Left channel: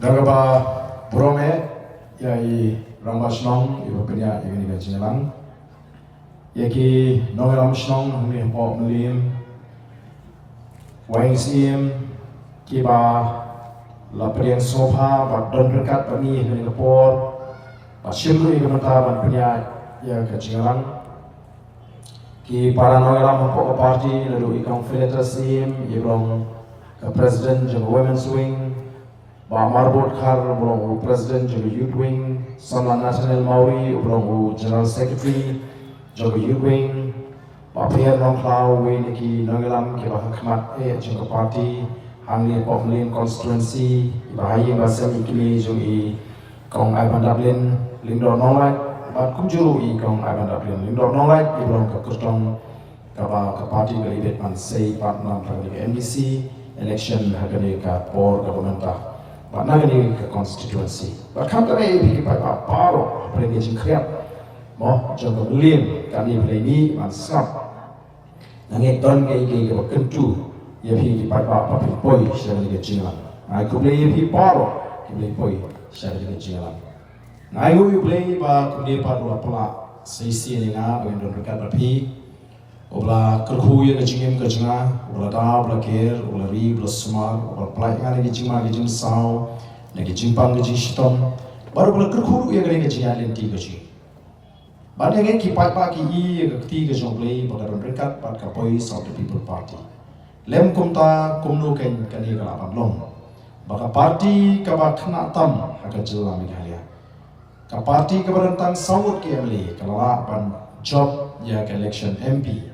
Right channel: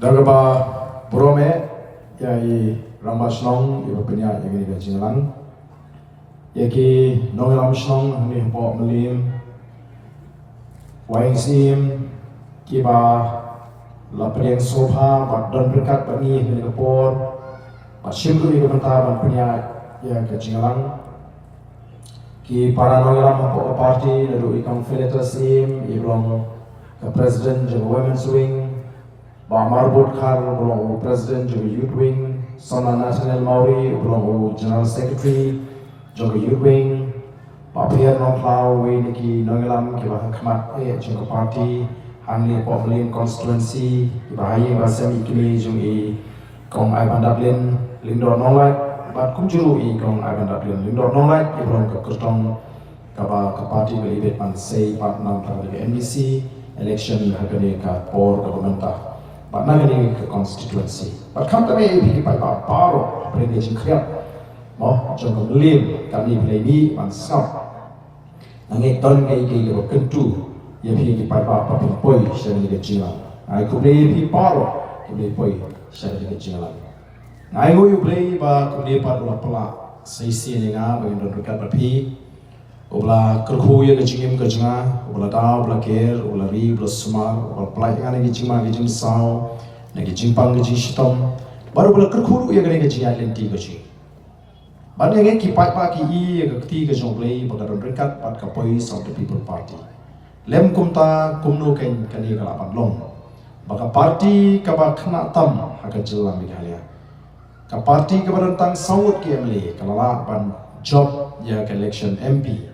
Dagaba Brome yai Ramashnong iba punya yang ini gajilan yaki Noel Ramshnong ni po melim Wang Sim iba laparian sofa bat don berkat kami ni kapor bat simru iba mentaban punya ya gajilan ki para Noel Ram po party lalu ikong Filter Sim ibrong President jeng Women's Wing Ba Marbot Khar belum President juga Youth Wing, Sona National Maori belum General Secretary juga Youth Wing, Ba Pierre Nongklau Wing niki Nonglam kita khidmat juga parti, Angli Poplin Constituency, Ibahayi Basam Ikimi juga Kong Ivan Dublin, Lindor Nonglat, Ba Kunjuru Kong Ivan Dublin, Lindor Nonglat, Ibrong Kekertong Kaba ke parti belibet mansai partner dari NDC, election harganya ke por pemerintah. But now we ke constituency. But come to me, we keep paro, pergi jengkriat, mo jengkau lim, kami beli mansap. Nanti tahun ini kita kentu, ya pergi apa poi, saya ni kejilan. Aku beli paro, beli poi, saya ni kejilan. Aku beli beli paro apa sesi ni ngah, bagi orang berkat berpi. Obla kerhu yang kejingim kejengah, obla dah, obla ker, obla ri, obla sumar, obla pelayan yang kejing saw, yang kejing pang kejing shitom, baru obla kerhu yang kejing lenti kejing. Baru yang kipai pagi yang keti kejong play, baru berkat pada kapoi South People Party. Lem kumta kumno kan kani kalapan long, baka party kabak kena tam agak jelam Meghalaya. Ka party keberentang sawut KMLA kalala pan job ya ke election MP.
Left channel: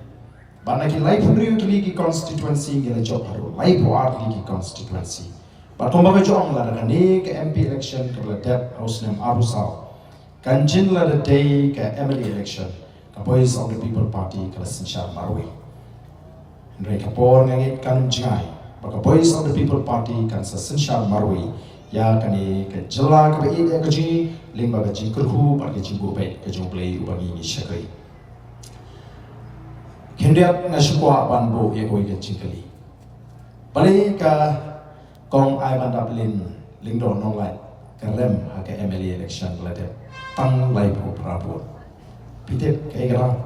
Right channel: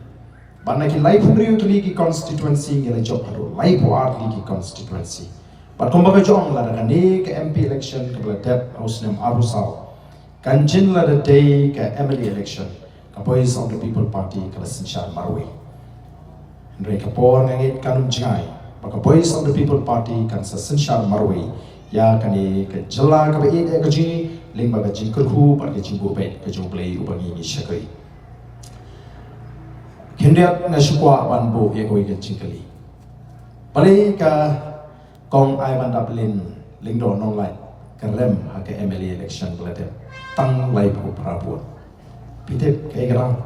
Banaki live review tu lagi constituency gila job haru live art lagi constituency. But kau bagai jong lah dengan ni ke MP election ke belajar Ausnem Arusau. Kanjin lah the day ke MLA election. Kapoi South the People Party ke Sensyar Marwe. Henry kapor ngangit kanum jengai. Kapoi South the People Party kan Sensyar Marwe. Ya kani ke jela ke beid ya keji limba ke jingkerhu pada ke jingbu bet ke jumplay ubangi ni syakai. Hendak ngasukwa banbo yang kau ingin cingkali. Balik ke Kong Ivan Dublin Lingdo Nonglai kerem ke MLA election keladem tang lai bu Prabowo. Pitip ke gerau.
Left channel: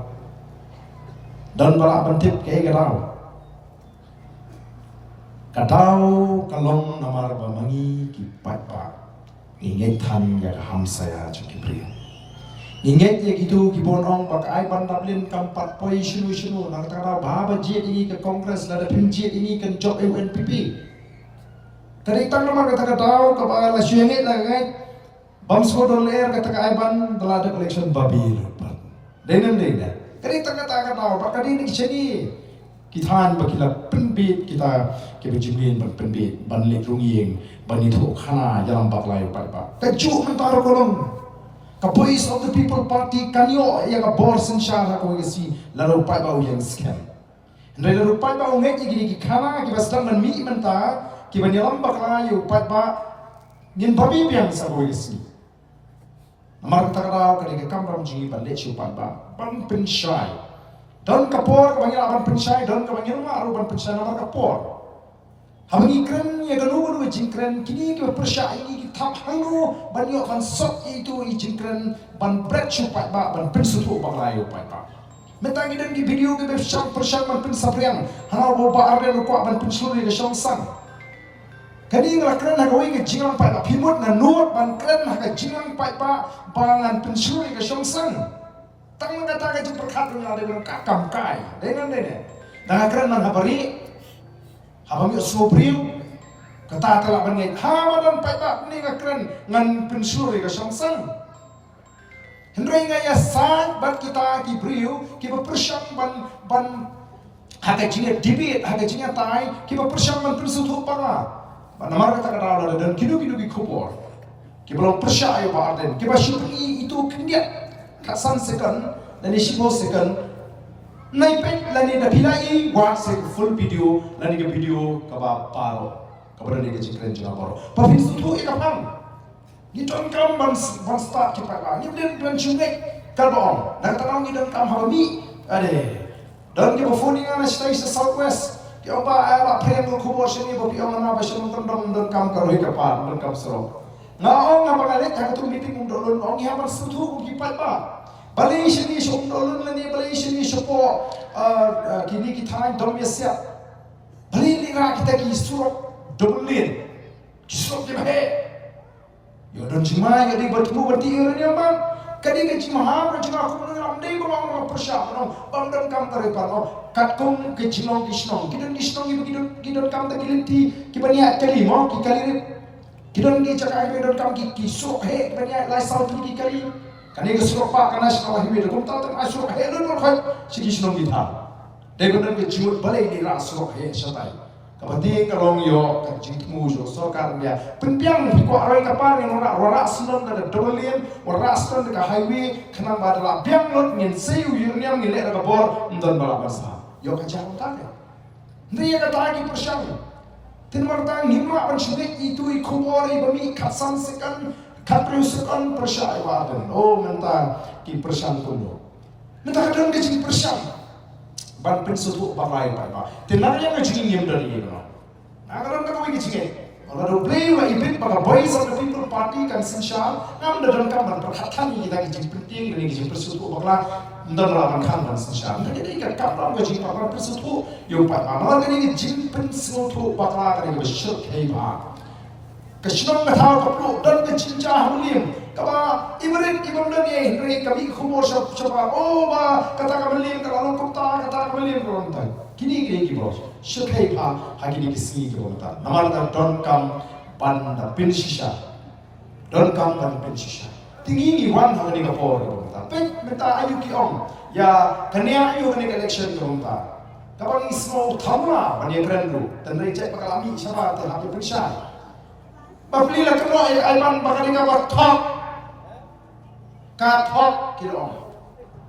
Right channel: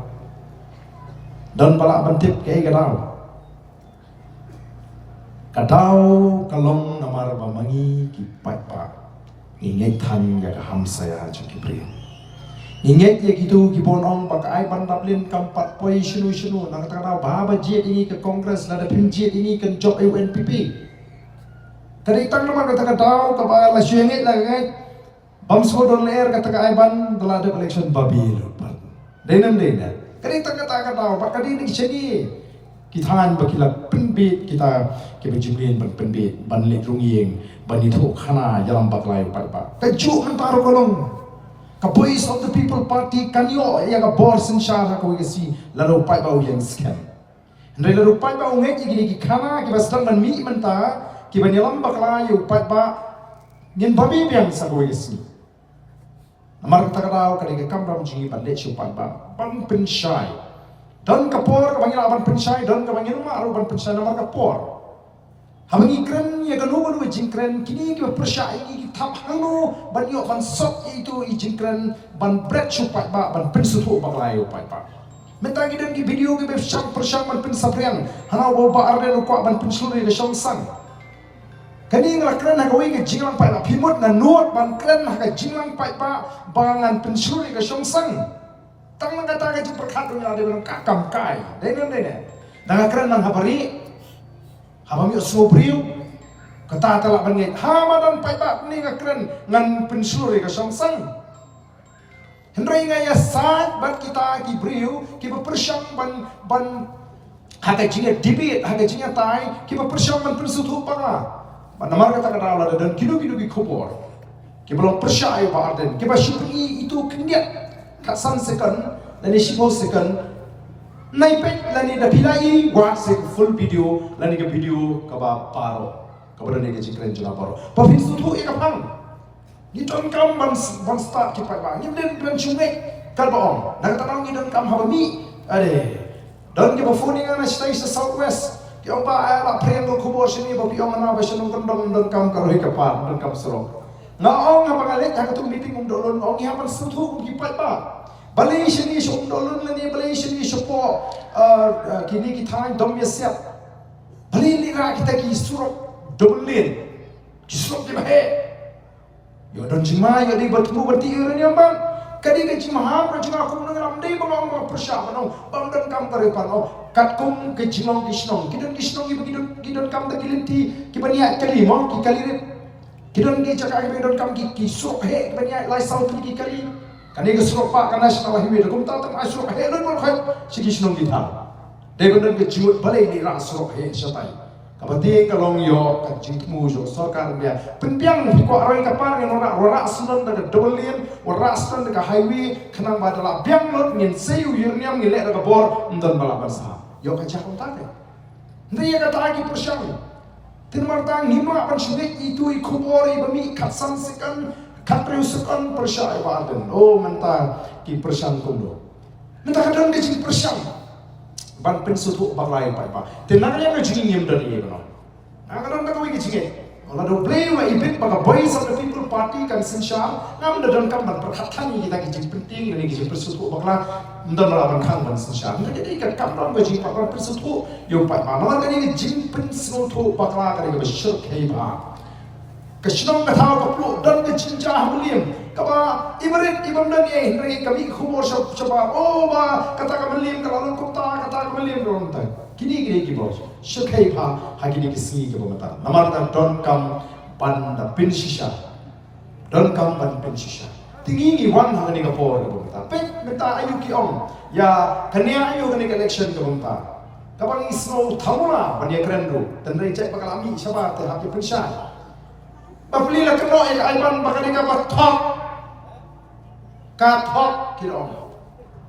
Dan balak bentip ke gerau. Kadau kalong namar bamangi ki patpa. Ingat tan ya ham saya cuki priyo. Ingat ya gitu gibonong pakai Ivan Dublin kampat poi shinu nak kata bahaba jet ini ke Kongres ada pinjet ini ke job UNPP. Tadi tang nama kata tahu kepada la syengit lah kan. Bam skodon air kata Ivan telah ada election babil. Denan. Tadi tang kata tahu pakai ini kecegi. Kita han bakila penbit kita kebejulian penbit banlik rungiyeng banitu khana jalan baklai pak. Kejuk antara kolong. Kapoi South the People Party kanyo yang abor sensyar ako kasi laro pai bau yang scam. Ndai laro pai bau ngek gini kana ki basdang man mi menta ki banyalam baklayo pai ba ngin babi biang sa ko kasi. Namar kata kau kani ke kamram ji bande chu pai ba ban pensyai. Dan kapor ka banyal ban pensyai dan ka banyal ma ban pensyai namar kapor. Habangi keren ya ganu jingkren kini kita persyai kita hanu banyo ban sot itu jingkren ban bread supai ba ban pensutu ba layo pai pa. Mentang dan ki video ke persyang ban pensapriang hanau ba arden ko ban pensuluri ke sang. Kani ngala keren ha kawing ke jinglang pai ba pimut na nuot ban keren ha ke jinglang pai ba bangan pensuluri ke sang. Tang kata ke perkat dunia ada kakam kai. Dengan. Dah keren man habari Habang yuk sobriu, kata telah bangit. Hamadan paipak ni keren ngan pensuri ke sang. Hendrai ngaya saat bat kita kibriu, kita persyang ban hakai jinga debit, hakai jinga tai, kita persyang ban pensutu para. Ban namar kata ada dan kidu ki kubur. Kita belum persyai ba arden. Kita syukur itu kendiat kasan second dan isimo second. Naipek lani dah pilai buat full video lani ke video kaba paro kepada ni ke jikren juga paro. Tapi itu ikapang. Gidon kam ban start kita bang. Ni ben sungai kalbong. Nak tahu gidon kam habami. Ade. Dan kita phone dengan stay sa Southwest. Yang ba ala prem ko kubor sini bo piong na ba shalom tandong dan kam karoi kapal dan kam sero. Ngaong nga bangale ka tu meeting mong dolon ong ya bersetu ki pat ba. Balai sini shom dolon la ni balai sini shopo kini ki thai dom yasya. Balai ni ra kita ki surok dolin. Ki surok di bahe. Yo don jima yo di bertemu bertiur ni ambang. Kadi ke jima ha jima aku menang dei bang persya no bang dan kam kare pano kat kum ke jima kisnong kidon kidon kam ta kiliti ki bania kali mo ki kali kidon ki cakap kidon kam ki sok he bania lai sau ki kali kani ke sok pa kana sna wahi me kum ta ta sok he no khai si kisnong ki tha dei bang ke jiwat balai ni ra sok he satai kapati kalong yo kan jingmu jo sarkar dia penpiang hi ko aroi kapar yang ora sunan da double lane ora sunan da highway khanang badala biang lot ngin seu yurniam ngile da bor ndon bala basa yo ka chakon ta ke ndai ka ta ki persyang tin martang himra pan shide itu i khobori bami khatsam sekan khatru sekan persyai badan oh menta ki persyang kundo menta kadang ke jing persyang ban pensutu baklai pai ba tenaga yang ngajing yem dan ye no nagalan ka koi ngijing ola do play wa ibit baga boys of the people party kan sinshal nam da dan kam ban perkhatan kita ngijing penting dan ngijing pensutu bakla ndan ra ban khang ban sinshal nda jadi kan kam ram ngijing bakla pensutu yo pai ma ma kan ngijing pensutu bakla ka ni bashir kai ba kashnam ka thaw ka plu dan ka chinja hamulim kaba ibrit ibam dan ye hindri kami khumor shaba oh ba kata ka malim kalau kota kata ka malim ron ta kini ki bos shakai pa hagini ki singi ki bomata namar ta don kam pan da pin shisha don kam pan pin shisha tingi ni wan hagini ka por ki bomata pe meta ayu ki om ya kania ayu hagini ka election ki bomata kabang isno thamula ban ye krendu tanai cek pakalami shaba ta haki pin sha bapli la keno ai ban bakari ka bathok ka thok kirong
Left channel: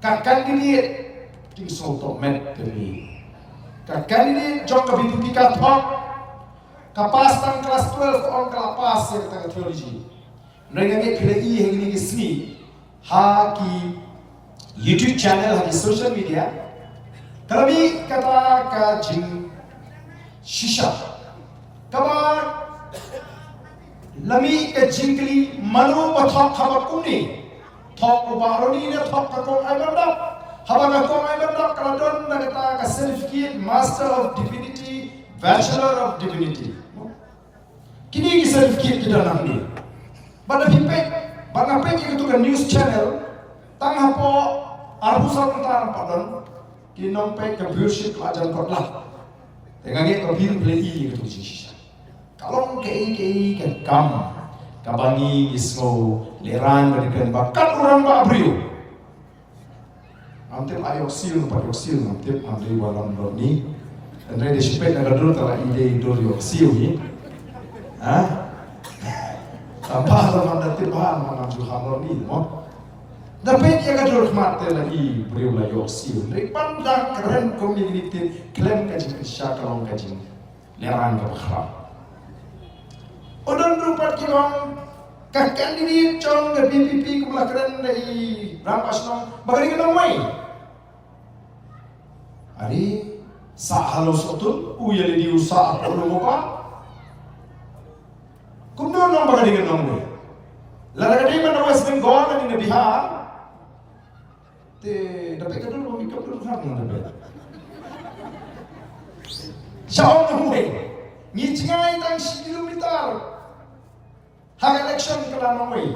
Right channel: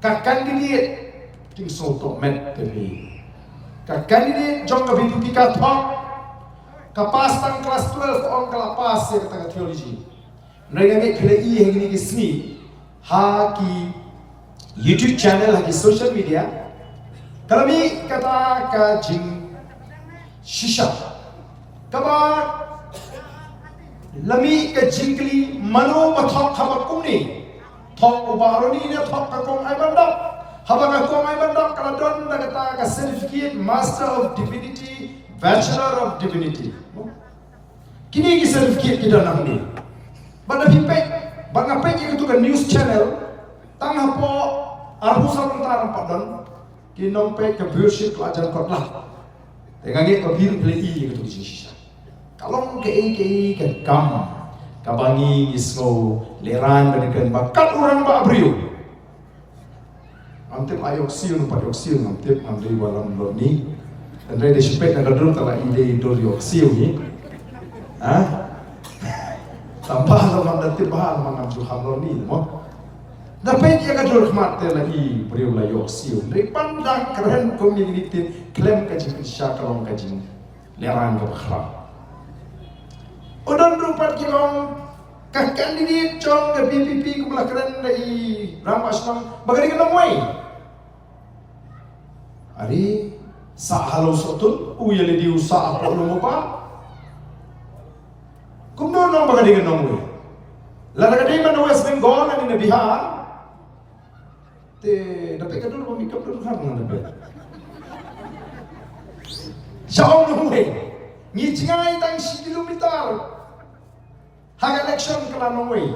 ka candidate ting so to met teli ka candidate jong ka bitu ka thok ka pas tang kelas 12 on ka pas se ka theology nega nge khile I hengini ki sni ha ki YouTube channel ha ki social media kalami kata ka jing shisha kaba lami ka jingli mano bathok khabakum ni thok ubaroni ne thok ka kong ai bandap habang ka kong ai bandap kala don na kata ka certificate master of divinity bachelor of divinity kini ki certificate kita nang ni bada pipe banga pe ki tu ka news channel tang hapo arbusa tantar padon ki nom pe ka viewership ajan kotla tengang ke ka view play I tu shisha kalong ke kam kabangi isno leran berikan bakat orang ba abrio antem ayok siun pa yok siun antem andai walam lorni andai de shipet na dulu tala ide dor yok siun ni ha tambah lo man datir bahal man ju ham lorni mo dapat ya kador khmat tela I brio la yok siun re pandang keren community klaim ka jing syakalong ka jing leran ka khra odon rupat kilong kah candidate chong ke PPP kumlah keren dari Rampasnom bagari kenong way ari sa halo sotul uyali di usaha apa lu pa kumdo nong bagari kenong way lalagadi man West Bengal na ni Bihar te dapat kadul pemikap dulu kan nang dapat siya nong way ngijingai tang 10 kilometer hak election kala nongway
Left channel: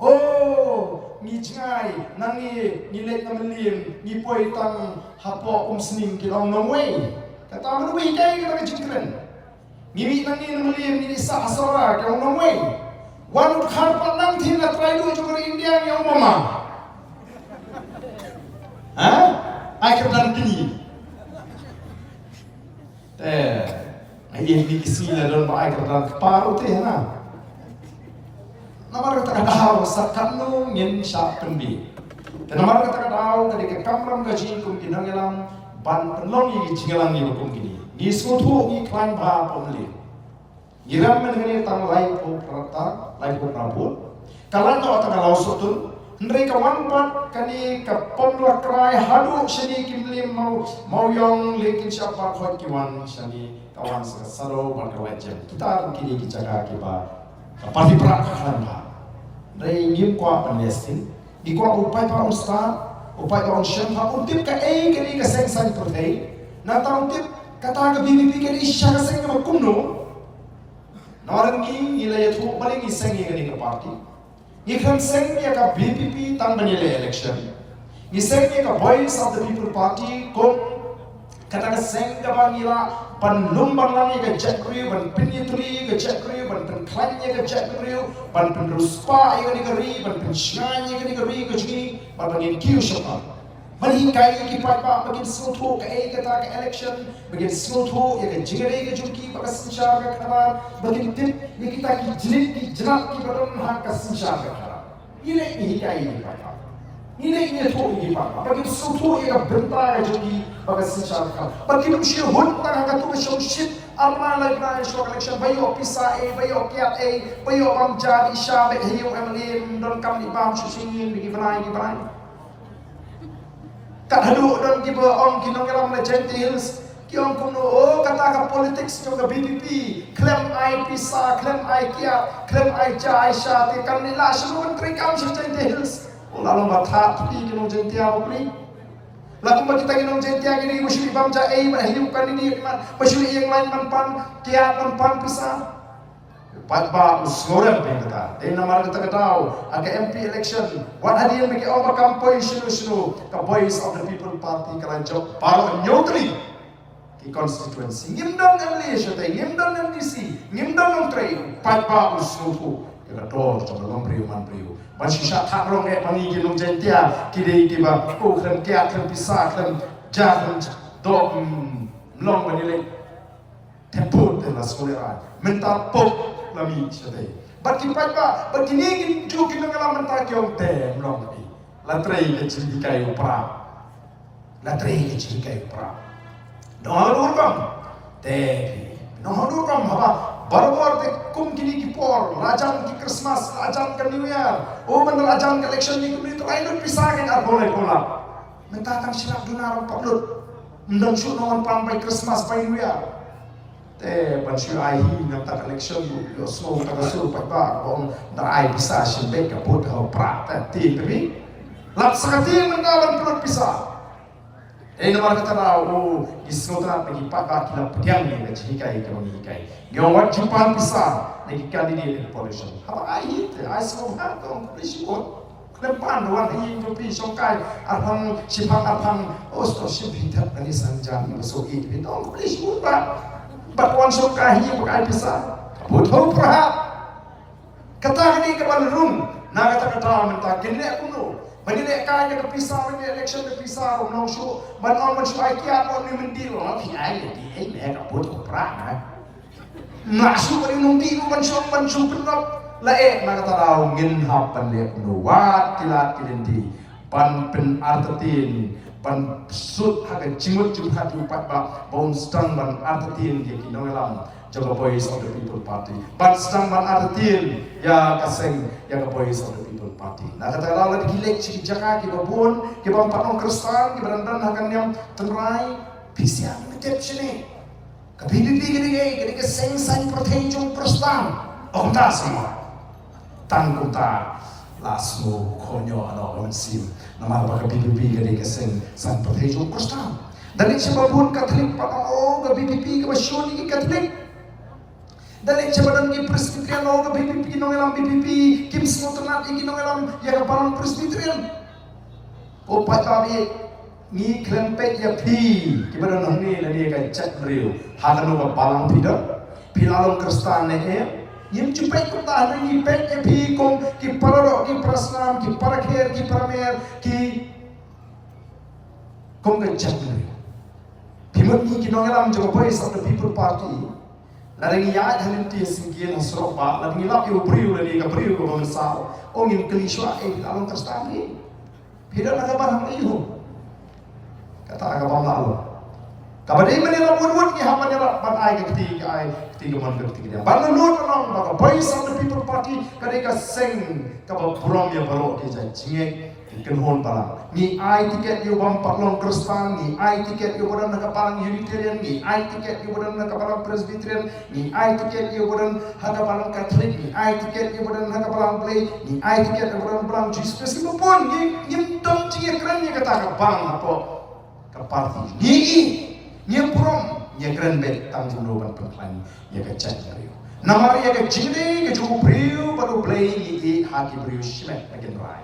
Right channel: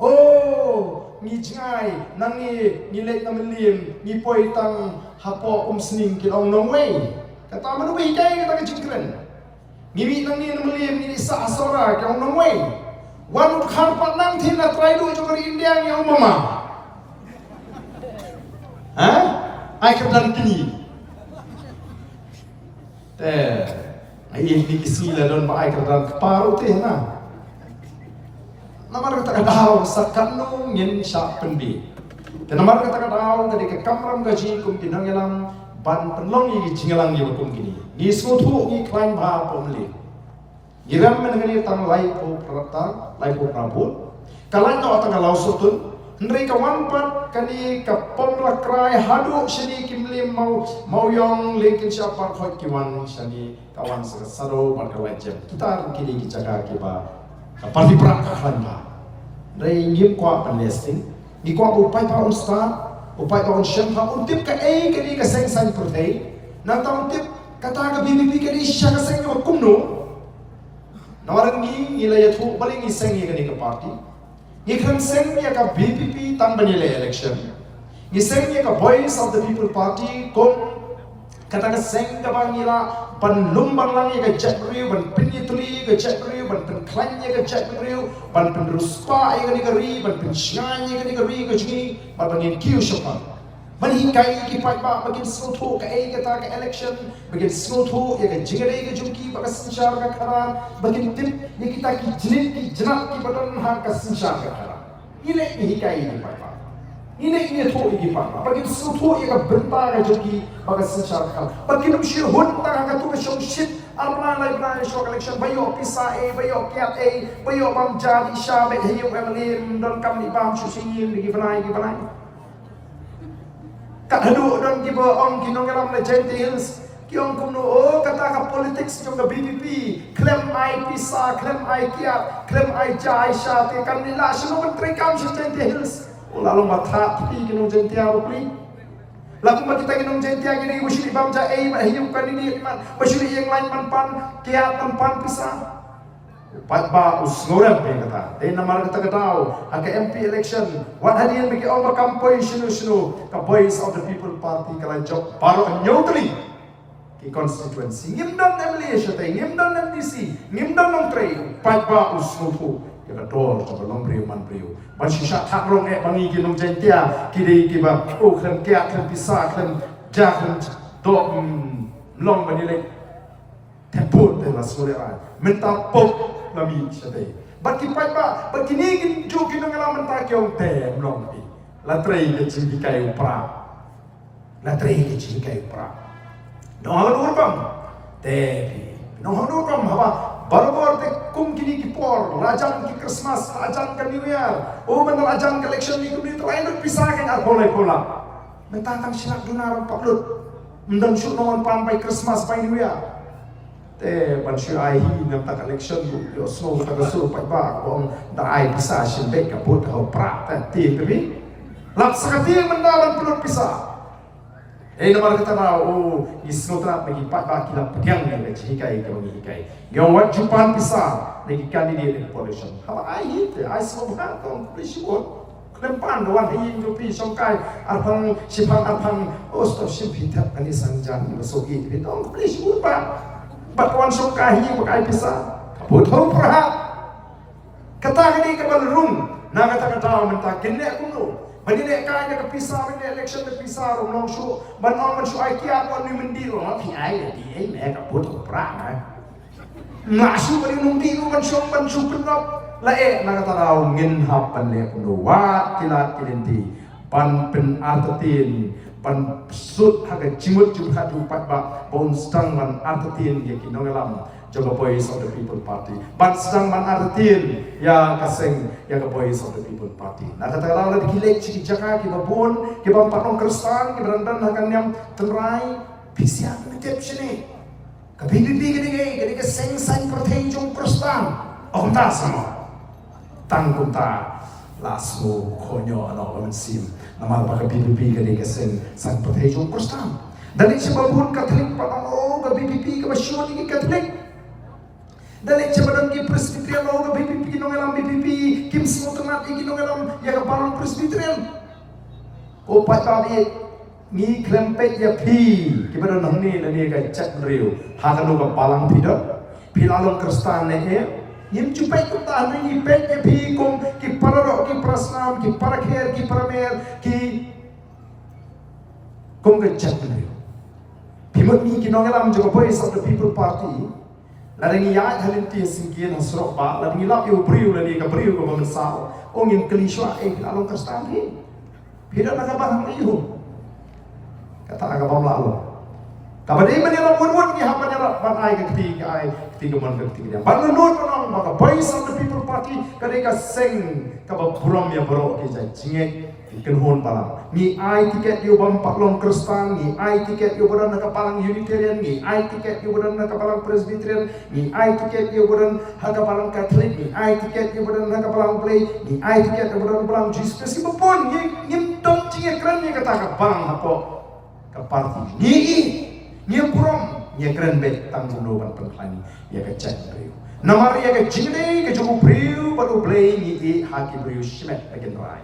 oh ngijingai nangi nilek namelim ni poi tang hapo sning kilong nongway kata manu bai kai kata kejingkren ngimi nangi namelim ni sa asara kilong nongway wanu khar panang thina try do jokar India yang mama ha ai kaplan kini ai ni kisila don ba ai kaplan paru teh na namar kata daw sa kanong ngin siya pendi. Dan namar kata daw kadi ka kamram gaji kum kinangelang ban penlong i jingelang ni kum kini. Ni sutu i klaim ba pomli. Giram men ngani tang lai po prata, lai po prabut. Kalan no atang law sutun Ndrei kawan pat kani ka pomla krai hadu shani kimlim mau yang lekin siapa khot kiwan shani kawan saro ban kawajem kita kini kijaga kiba parti prak khlan ba ndrei ngim kwa Palestine di kwa upai pa usta upai pa shem pa untip ka kani ka seng sang prothei na ta untip kata ka BBP kani sha ka seng ka kumno nawarangi ila yathu baling iseng kani ka parti Ikan seng ya ka BPP tang banile election. Ni seng ya ka Voice of the People Party kong kata ka seng ka bangila ban lumbang lang ya ka Jackriu ban pinyitri ka Jackriu ban penklan ya ka Jackriu ban penruspa ya ka negeri ban pensyan ya ka negeri ka jini ban bangin kiu siapa. Manhikai ki pa bagin snotho ka kata ka election bagin snotho ya ka jingare ka jumki baka sanshar ka khara bagin tip ya kita ki jilid ki janat ki badan ha ka sanshar ka khara ile hikai ni pa ile tho ki pa bagin snotho ya ka benta ka jumki baka sanshar ka bagin shi hun ta ka tu ka shom shit arma lai bra show election bayo pisa bayo kiat bayo bamja di shabe hayu emlem don kam ni bam shi shin ki banai kat hadu don kiba ong kinong karam na Genti Hills kiong kuno kata ka politics yung ka BPP claim ay pisa claim ay kiat claim ay ja ay sya te kan nila sino man trikam sa Genti Hills lalong batha pi kinong Genti ako pri lakum ba kita kinong Genti gini usuli bamja mahiyum kan ini man usuli yang lain man pan kiat pan pisa Pagba usngorem pe kata. Day namar kata kataw ang MP election. What hadiyan bagi overcome poy sino ka Voice of the People Party kala job paro neutri ki constituency. Ngimdam MLA siya tay, ngimdam MDC, ngimdam ng tray. Pagba usngorpo kala dol sa balong priyo man priyo. Ban sisa thakrong bangi kinong Gentia kidei kiba klem kya klem pisa klem jahan do long banilay temput la soleran. Menta pop lami siya bat kipat ba bat kinigin jo kinangala menta kyong te mlong pi la trei ke chi kayo pra no hadur bam te no hadur bam haba barbar te kum kini ki por rajam ki Christmas rajam ka New Year man rajam ka election ni kuni try no pisakan ar boleh pola menta tang silak dunar paklut mendang shoot no pan by Christmas by New Year te pansyo ai ngam tak election yo so tak so pa ba kong da ai bisa simbe ka put ho pra ta ti bi lap sakati mendalan pulut pisa nomor kata na gisno tra pagi pa ba kilap pediang ni ji kai ka mangi kai ngam wat jupan pisa lagi candidate election ha ai te ai so ba kong prisipon klempan wan hi jo pi som kai arphang sipang arphang osto simpi tap ani sanjan so i bi dong prisipon ba batuan sokahi pakai pisah betul perhat kata ini kebalurung na kata mentah kene kuno Bani kaya ke pisah bani election ke pisah rom su ban ong man su ai kiat on ni mendil on ti ai di ai me ka put pra na su bani nung di ban su penop la na kata raw ngin hapan le kuno wat kilat kilenti pan pen artatin pan sut haga jimut jumhat upat ba bon stang man artatin ya kinongelam jaga Voice of the People Party pan stang man artatin ya kaseng ya ka Voice of the People Party na kata la dikilek ci jaka ki babon ki bang patong kristan ki berandan hakan nyam tenrai pisian metep sini ka BBP gede ke seng sang protejung kristan om ta sama tanggung ta lasmo konyo ano sim nama apa BBP kali kesen san protejo kristan dali sebabun Katolik patang ke BBP ke basyon ni Katolik dali sebadan ki Presbyterian ke BBP nongelam BBP kim smotenat iki nongelam ya ke palang Presbyterian opat kami ni klempet ya pi kibadan nongni lani ka chat riu hakan ke palang pidot pilalong kristan ne Yem cupai ko tahan ni pet e pi kong ki parado ki prasnam ki parakher ki paramer ki kong ka chatri pimot ni ki nongelam jaga Voice of the People Party ladang ya halin ti singil hasro ba ladang ilap yu briu lani ka briu ko mamsao ongin keliswa along kastampi pida na ka barang iyo kata ka pamlalo Kabadai manira wun ni manira ban ai ketiga man ketiga. Ban nut manong maka voice of the people party kadai ka seng ka burom ya baro ke jai jingek kenhon palang. Ni ai tiket yo bam patlong Kristen, ni ai tiket yo bodan ka palang Unitarian, ni ai tiket yo bodan ka palang Presbyterian, ni ai tiket yo bodan ka palang Catholic, ni ai tiket yo bodan ka palang Play, ni ai tiket yo bodan palang Jesus. Meskipun ngim tong jingek keren ni kata ka palang apa ka party. Ni purom ni keren bet tanggung loban pengklan ya ka chat brio namar ya ka jingde ka juku brio baru play ni haki brio shimet again rai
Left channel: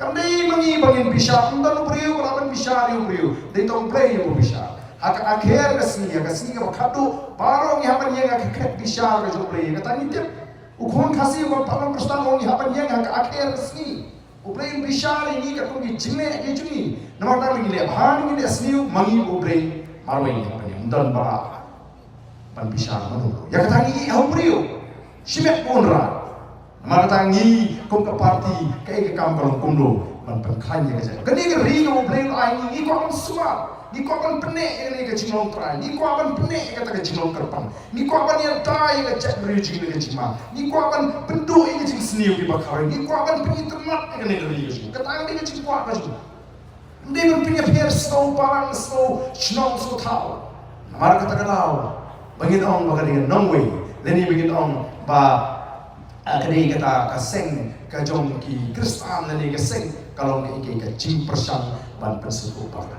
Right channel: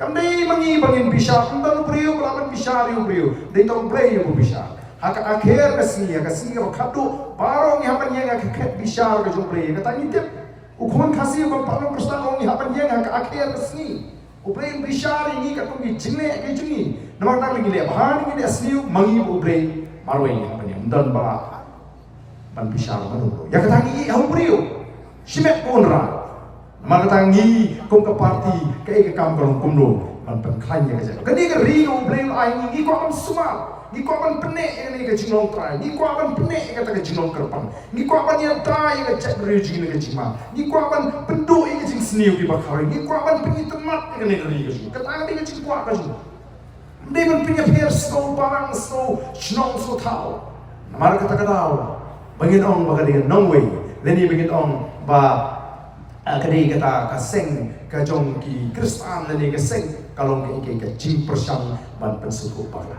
kandai mangi bangin bisa undan brio balaban bisa brio dei tong play yo bisa haka akhir ka si ka khatu paro ni hapan yang ka khet bisa ka juku play ka tani tip ukon khasi ko palong kristan ni hapan yang haka akhir ka si uplay bisa ni ka tungi jingle ke jungi namar tak lagi le bhan ni asliu mangi uplay marway apa ni undan ba pan pisar manulu ya katangi au brio simet onra nama katangi kom ka party ke kam kalong kumlo pan klan ya ka kani ka rio blame ai ni ko kam suma ni ko ban pene ni ka jinglong trai ni ko ban pene ka ta jinglong kerpan ni ko ban yang tai ka cek rio jing ka jima ni ko ban pendu ka jing sniu ki bakar ni ko ban pengi temat ka ni rio katangi ka jing kwa ka jing Hindi man pinapir snow parang snow snong so tao. Namara kata kadao. Bangin ong magaling nong way. Leni bangin ong ba kadai kata kaseng kajong ki Kristan leni kaseng kalong ka ikay ka jing persang ban pensuko para.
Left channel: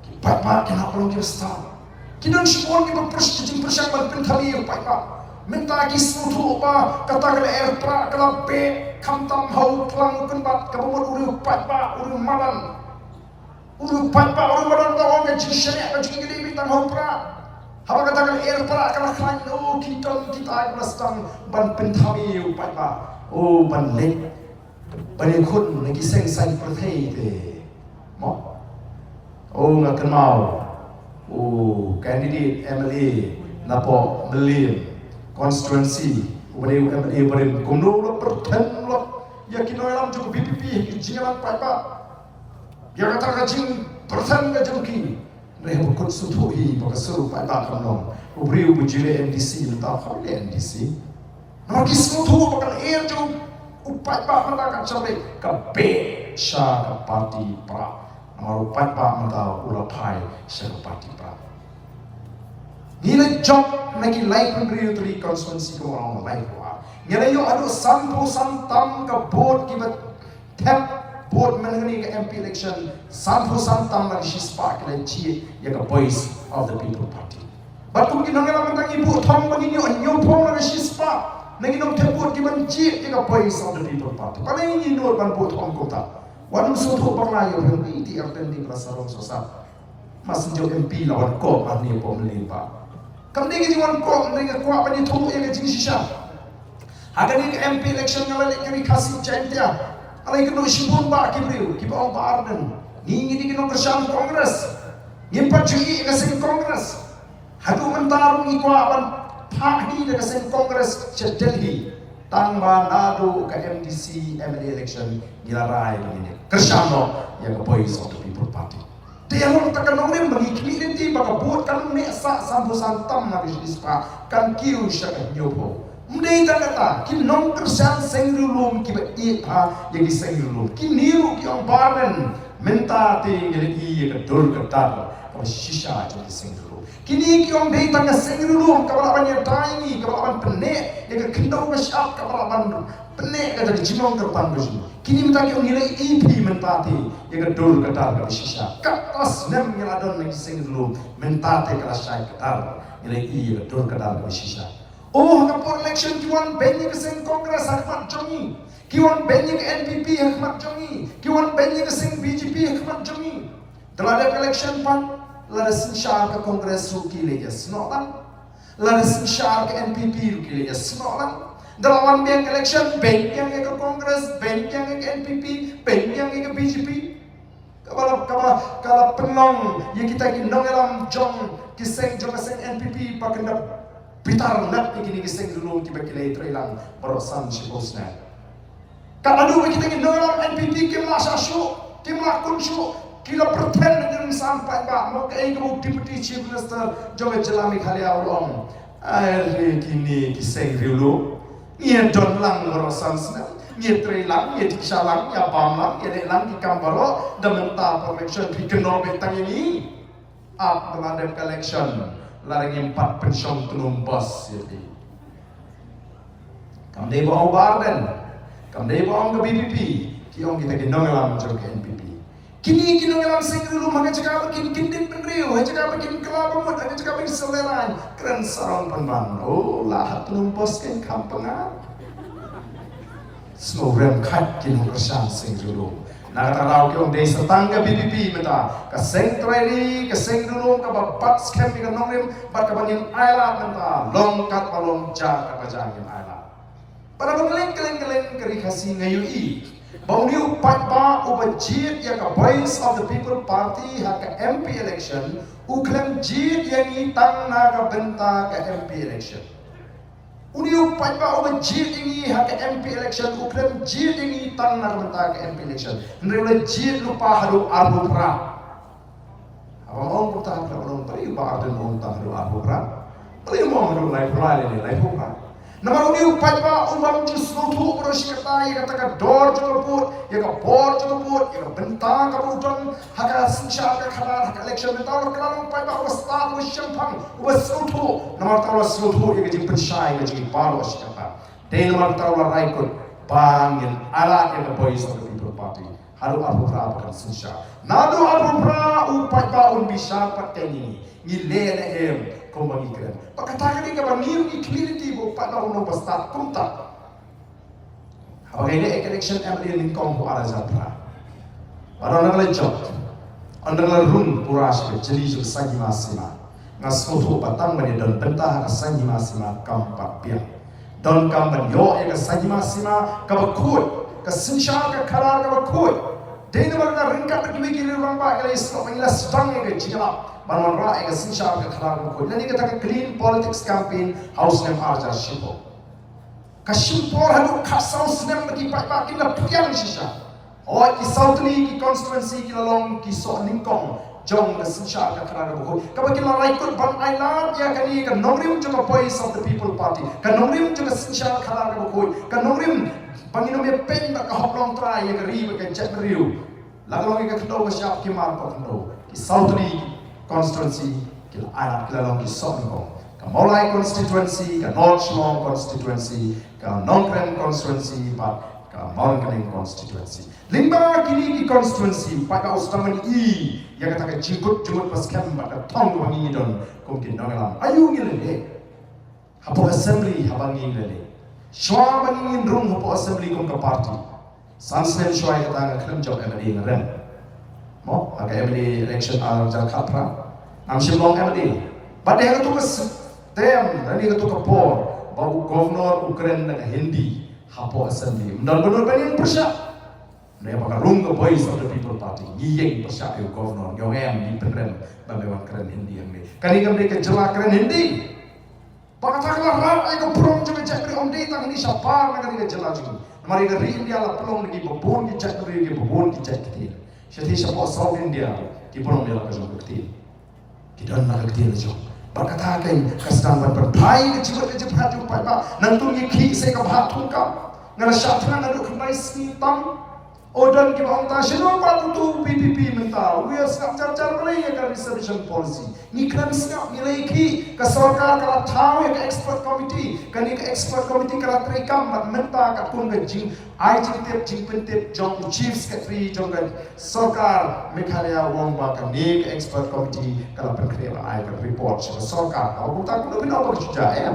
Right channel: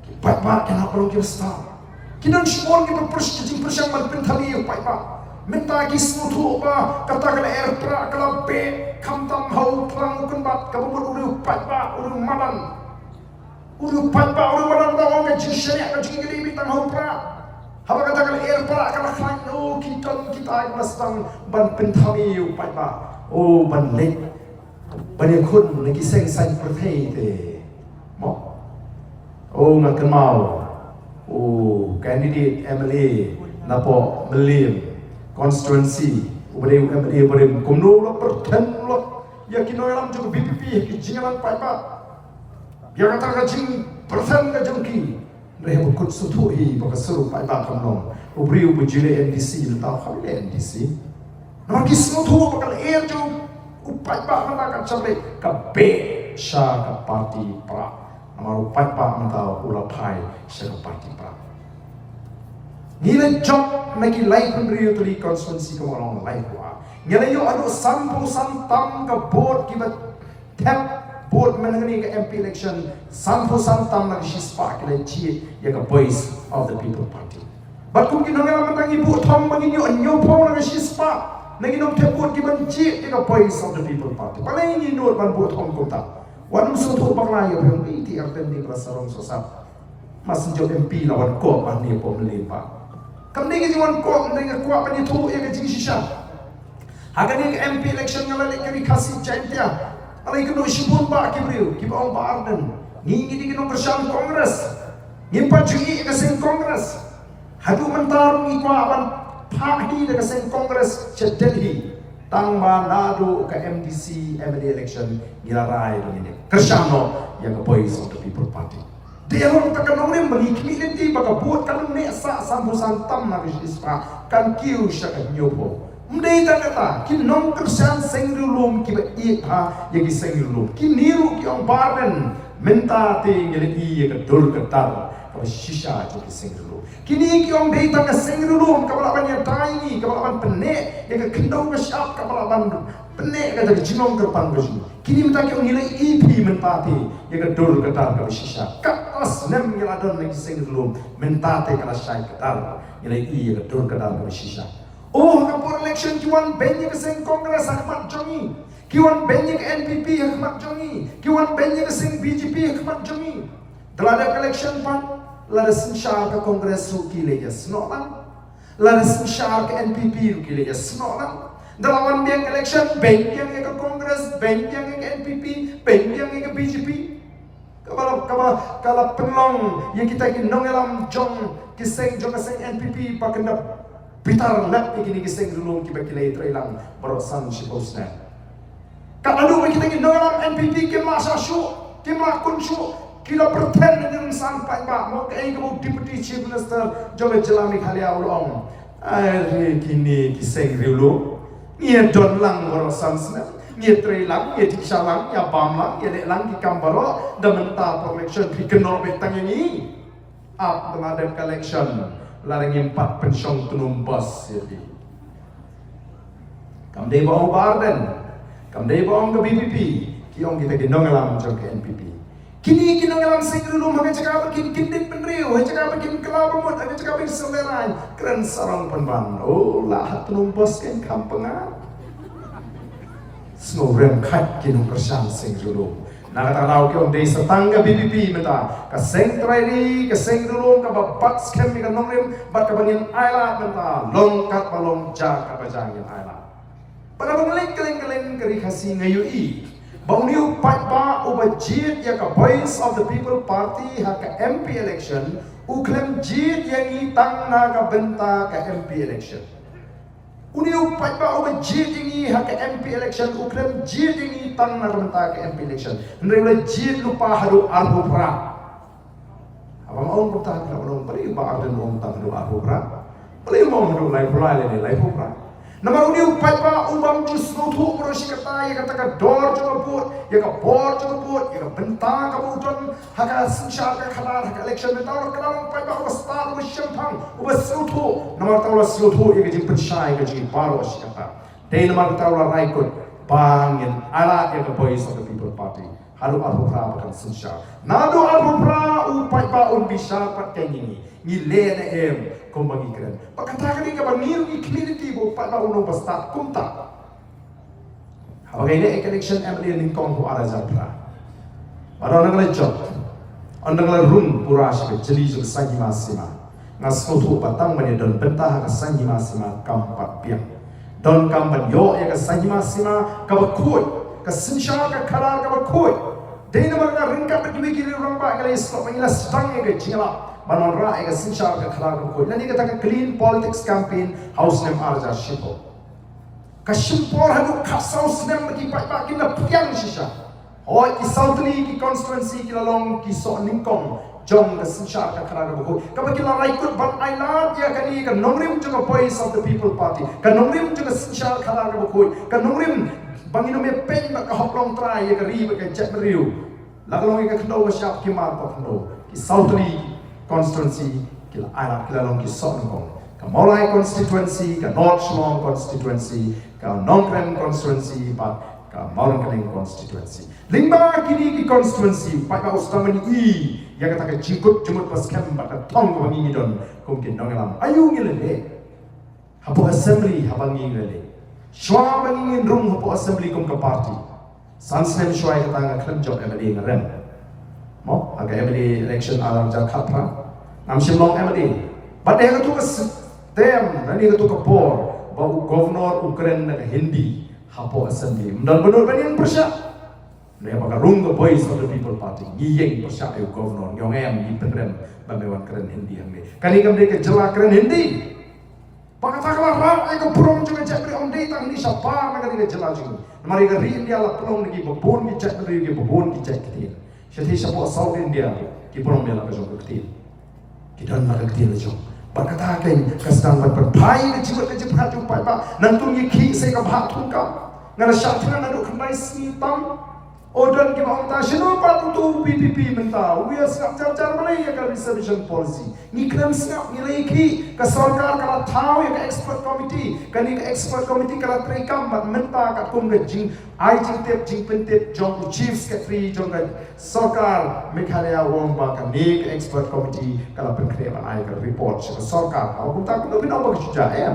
Ki pai pa kena palong Kristan. Kinan shimon ki perpers jing persang ban pentali pai pa. Minta ki snutu ba kata kala ertra kala pe kamtam hau plang kunbat kabumut uru pai pa uru malan. Uru patpa uru madang dawang ka jishane ka jingili bitang hopra haba kata kal air para kala klan o kita ay pastang ban pentami u patpa o ban lek ban khun nagi seng sai prathei te mo o makan mau o candidate MLA napo Melim constituency ubade MLA bare kumno lo perten lo yakino yalam jo BPP ki jingalang patpa ya kata kajing persen ka jengki rehe bukut sutuhi baka seru pai ba kamnom ubri ubujile NDC letau khamle NDC nama kismu tu bakal air jo upai ba mata ka chabe ka be sha ka party pra nama upai ba mata ula pai sha ka party pra nilai job nagi life pemberi tu di constituency ko orang life wa nilai yo adu sampu santam ka board kibat tap board mengenai ke MP election sampu santam lagi shispa kena cie ya ke voice of the people party. Batuk kita ngela mentang ibu thom bagi nyo pom lagi shispa nagi nom teput kita cie ya ke voice of the people party. Paling ini nur ban buat thom kota. Wanum suatu baklayo yang itu arten di pelasaran sosap. Masih jauh MP lawan kok ani pom limpa. Kamdi kita wan kok dengan kuat pani tu ya ke jing shisha. Hagani ke MP election ngala kami kasih jantia. Alai kena ishibun ba kibriu, kiba ong ba arden. Ngingi di kena kersan kongres. Ngimpat jui ke sen kongres. Hadu mentar ngi kwa awan pagi de ke sen kongres che Delhi. Tang ba nadu ke MDC MLA election ngilarai begini. Kersan no yang ke voice of the people party. Dia orang tak kenal ni mengikni nanti baka buat kan neksa sambu santam na bispa kan kiu syak nyopo. Mdei ta kata ki nong kersan sengrulum ki ba i ha yagi sengrulum ki niru ki ong barben menta te ngeli i ka dul ka tar ka shisha jo ki sengrulum kini ki ong dei ta ka sengrulum ka balaban ya daini ka balaban penne ya ka kendau ka syap ka balaban penne ka jadi jimong ka panggoji kini menta ki ong ngeli i pi menta te ya ka dul ka tar ka shisha ka as nem ngeladon lagi sengrulum menta te ka syai ka tar ngeli i ya ka dul ka tar ka shisha. Oh, kapur election kiwan benye ke seng Kongres Ahmad Jongi, kiwan benye ke NPP Ahmad Jongi, kiwan benye ke seng BJP Ahmad Jongi. Telah ada election pan, lada sensyar ke Kongres ruki leja senolan, lada sensyar ke NPP ruki leja senolan. Dalam biang election benjang ke Kongres, benjang ke NPP, benjang ke BJP. Kalau penong yang kita kinong elam jong kiseng jong keseng NPP pakendap pitar lap ikini kiseng dulu kiba kilai trailang barosan sibosna. Kapadu kita ingin dalam NPP kimla sasu, kimla kunsu, Kila pretend dengan sampai pak mau ke deputy chief minister joga jelami kali awalong. Hari kini kisah riulu. Ia don lang orang sansna. Ia tray lang, ia tiksa lang, ia bam lang, ia dek lang di kambaro. Dan mentah election dikenal betang ini. Up meladap election. Larang 4 pensiun tunum bos. Kam day baong barden. Kam day baong ke BPP. Kiong kita gendong alam jom ke NPP. Kini kinongelam sing dulu maka cakap kin kindit penriu, cakap kin kelapa mut, cakap kin seleran, keren sarong penban. Oh lah tunumpos kin kampengan. Snowrem kat kinong kersan sing dulu. Nak kata lau kiong day setangga BPP menta, kaseng trainee, kaseng dulu kababat scam ikan nongrem, bat kabangin ayla menta, longkat balong jak kabajangin ayla. Pada keleng keri kasih ngayui. Bauniu patpa ubajit ya ka Voice of the People Party haka MP election uklem jit yang itang na ka benta ka MP election. Uniu patpa ubajit yang haka MP election uklem jit yang itang na ka benta ka MP election. Nrewle jit lupa hadu arhu pra. Apa mau bertahan kalau belum beri baar dan mau tang hadu arhu pra. Beri mau hadu lai pra. Nama uni upai pa ubam jus nutu berosi kata ya kata ka dor juga put ya ka bor juga put ya ka bentang ka buton haka sinsyal ka khalar haka election bentang kalau upai pa ubas start ubas syampang ubas nutu nama tahu nutu ya ka jing pensyai ka jing baru si kata day nama tahu raikut bangin ala ya ka Voice of the People Party halu arhu pra kan sinsyal nadu arhu pra upai pa un bisa pat ini ngile na em kumbangi keren. Pagkatakan ni kabang niyo community mo pa na unong basta kumta. Habang ini election MLA lingkong ko ara zapra. Baru nang job. Ang nang room pura siya jeli jo sangi masima. Ngas foto patang mani don bentah ka sangi masima kampat piang. Don kampan yo ka sangi masima kabakui. Ka sinsyar ka kalar kabakui. Dahil naman ka ringkat berdua kiri orang ba kala islo pangila stang ka jingala. Banon ra ega sinshar ka khalar ko nani ka taka clean politics campaign house nem arja shipo ka shimpor hadu house nem ki pa ki na pyang shisha o ki southly ki constituency ki long ki so ningkong jong ka sinshar ka khalar ko ka ba ki la raikut ban island ya kani ka nongrim juga Voice of the People Party ka nongrim juga sinshar khalar ko ka nongrim bangino me pen ba ka hoplong try ya ka ri ba ka chat riu lagalong ka kdo ka syap ki mar pa kdo ki southly constituency kila ala kila long kisok nong ka Molai constituency ka North Shillong constituency ka Nongkren constituency but ka Malangkaling constituency lingba kini ki constituency pa ka ustaman I ya kata ka jingkut pas kem ba ka tong ba ngi don kum kin nong alam ayu ngile hapo assembly habang ngile shwa ba ngi room hapo assembly kum ka party sansem shwa ka tanga klem job MLA ngarem mo aga MLA election ar ja khapra am Shillong MLA but dia tu ke tem nani tu ke por bau governor Ukraine na Hindi hapo assembly mendal benar banian persya ne baka rung ke Voice of the People Party ngiyeng persya eu governor yong em di penren bamewan keren Hindi yang ni kani kam de ke jela keren Hindi baka takla ra ai ke purong juga cek beri onde tang ni siapa na kani ke jela juga mari ke ri India la pulong ni bobon ki cek beri ki bobon ki cek ketil syati siapa South India ki purong bela ke jong ketil dan malaktir jom berkatakan kesedang berpertai kecibut hati upai pak nantung yiki saya kabhat tungkam ngana syafran aduk kembali snitam odan ki bang ta shino pa tu PPP menta we are snap jar malai ya ka reservation policy ni kram snap nilai ki ka sarkar kala thau ya ka expert committee kani ka expert committee kala trikam mat menta ka kum ga jing ai jing pentep jong chief secretary jong ka sarkar Meghalaya wong ba ka ni ka expert committee kala penkre ban ai ka report sa sarkar aku tak ko binaw ba ka em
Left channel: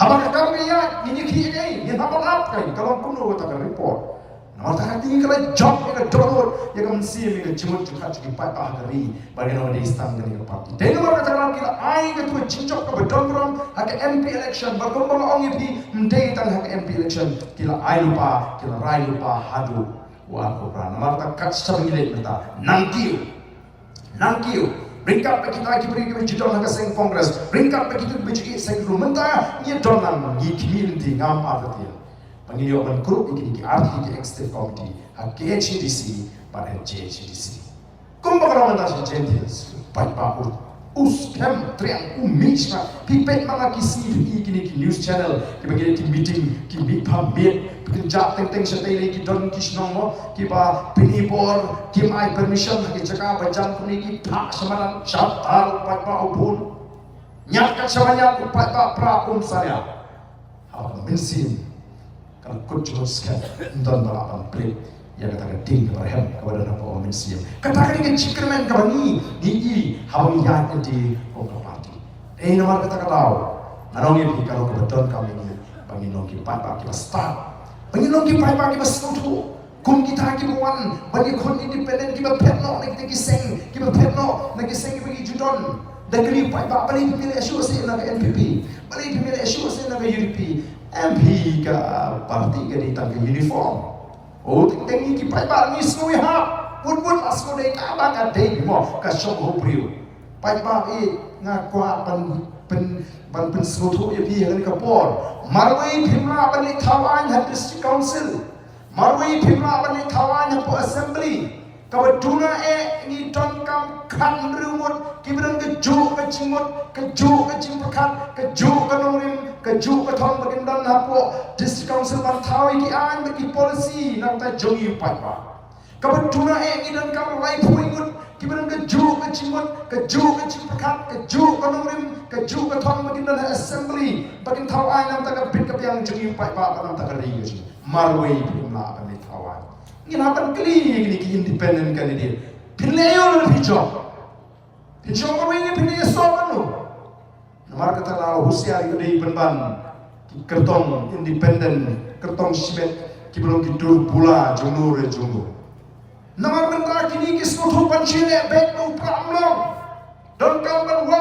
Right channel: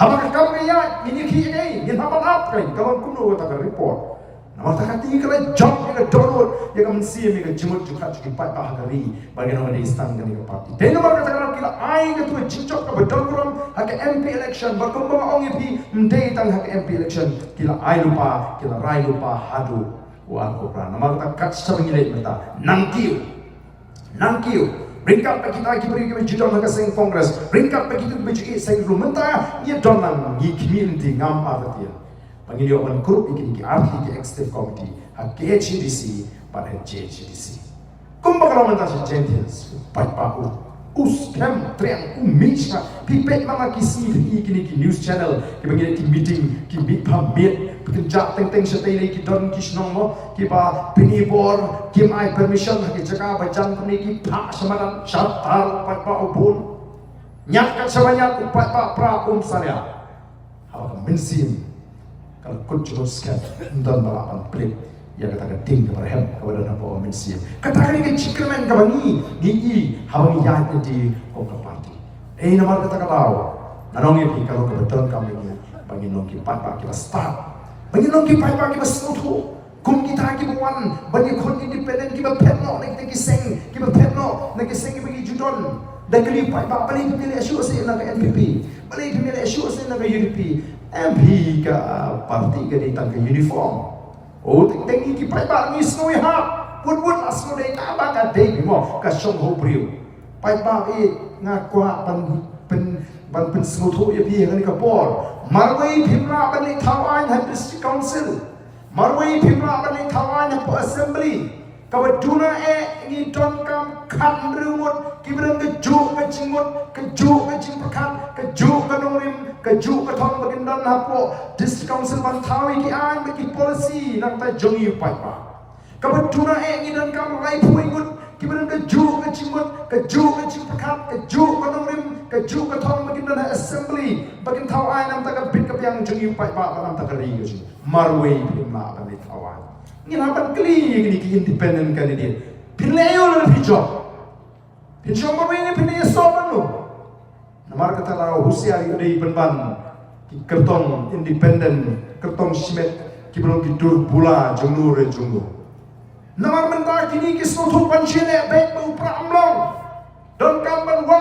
habang kami ya ini ki ai ni habang up kai kalau kuno ta ka report nama tak tinggi kalau job yang donor yang mensi yang jemut juga cukup baik hari bagi nama di istana dengan parti. Dan nama katakan kita ai ketua cincok ke bedongram hak MP election berkembang orang itu mendai tang hak MP election kita ai lupa kita rai lupa hadu wan kopra. Nama kata kat sering nilai mata nangkiu ringkap kita beri ke judul hak seng kongres ringkap kita beri seng rumenta ia donang di community ngam artian. Pangiliw man group iki arti ki executive committee ha KHDC pada JHDC Kumbaga naman si Gentiles, paipa us kem triang mix pipet mana kisi ki news channel ki bagi ki meeting ki big pamit kerja teng setai ki don ki snong mo ki ba pinibor ki mai permission ki jaka bajan kuni ki phak samaran shatar paipa ubun nyat kat samanya paipa pra saya hawa mensim kalau kunjung skan dan balapan play ya katakan ting berhem kepada nama orang Malaysia. Katakan ini cikerman kabangi gigi habang yan di kongka parti. Nama kata tahu. Nanong ini kalau kebetulan kami ini banginong kipai pak kita start. Banginong kipai pak kita selutu. Kum kita kita buan bagi kon independen kita petno nak kita kiseng kita petno nak kiseng bagi judon. Dan kali pak pak balik pemilih asyik saya nak NPP. Balik pemilih asyik saya nak UDP. MP ke parti ke ditang ke uniform. Oh, tengi ki pai bar ni snoi ha. Pun asno dei ka ba ka dei mo ka shom ho priu. Pai ba nga kwa pen snu thu ye pi ngani ka por. Marwai phimra ban ni thawan han district council. Marwai phimra ban ni thawan han po assembly. Ka waduna ni don kam khan rumut ki bran ka ju ka chimut ka ju ka chim prakhat ka ju ka nongrim ka ju ka thong bagin dan hapo district council ban thawi ki an bagi policy nang ta jongi pai ba ka waduna ni don kam rai phui gut ki bran ka ju ka chimut ka ju ka chim prakhat ka ju ka nongrim ka ju ka thong bagin dan assembly bagin thawai nang ta ka bit ka piang jongi pai ba nang ta ka ri ji marwai phimla ban ni thawai ni napan kli ni ki independent candidate Pinlayo na pijo. Pijo mo ini pinlayo sopan lo. Namar kata tahu husiari dari penban kertong independen kertong simet kibelum kidur pula jumur. Namar mentah kini kisnutu pancile baik mau pramlong dan kawan wa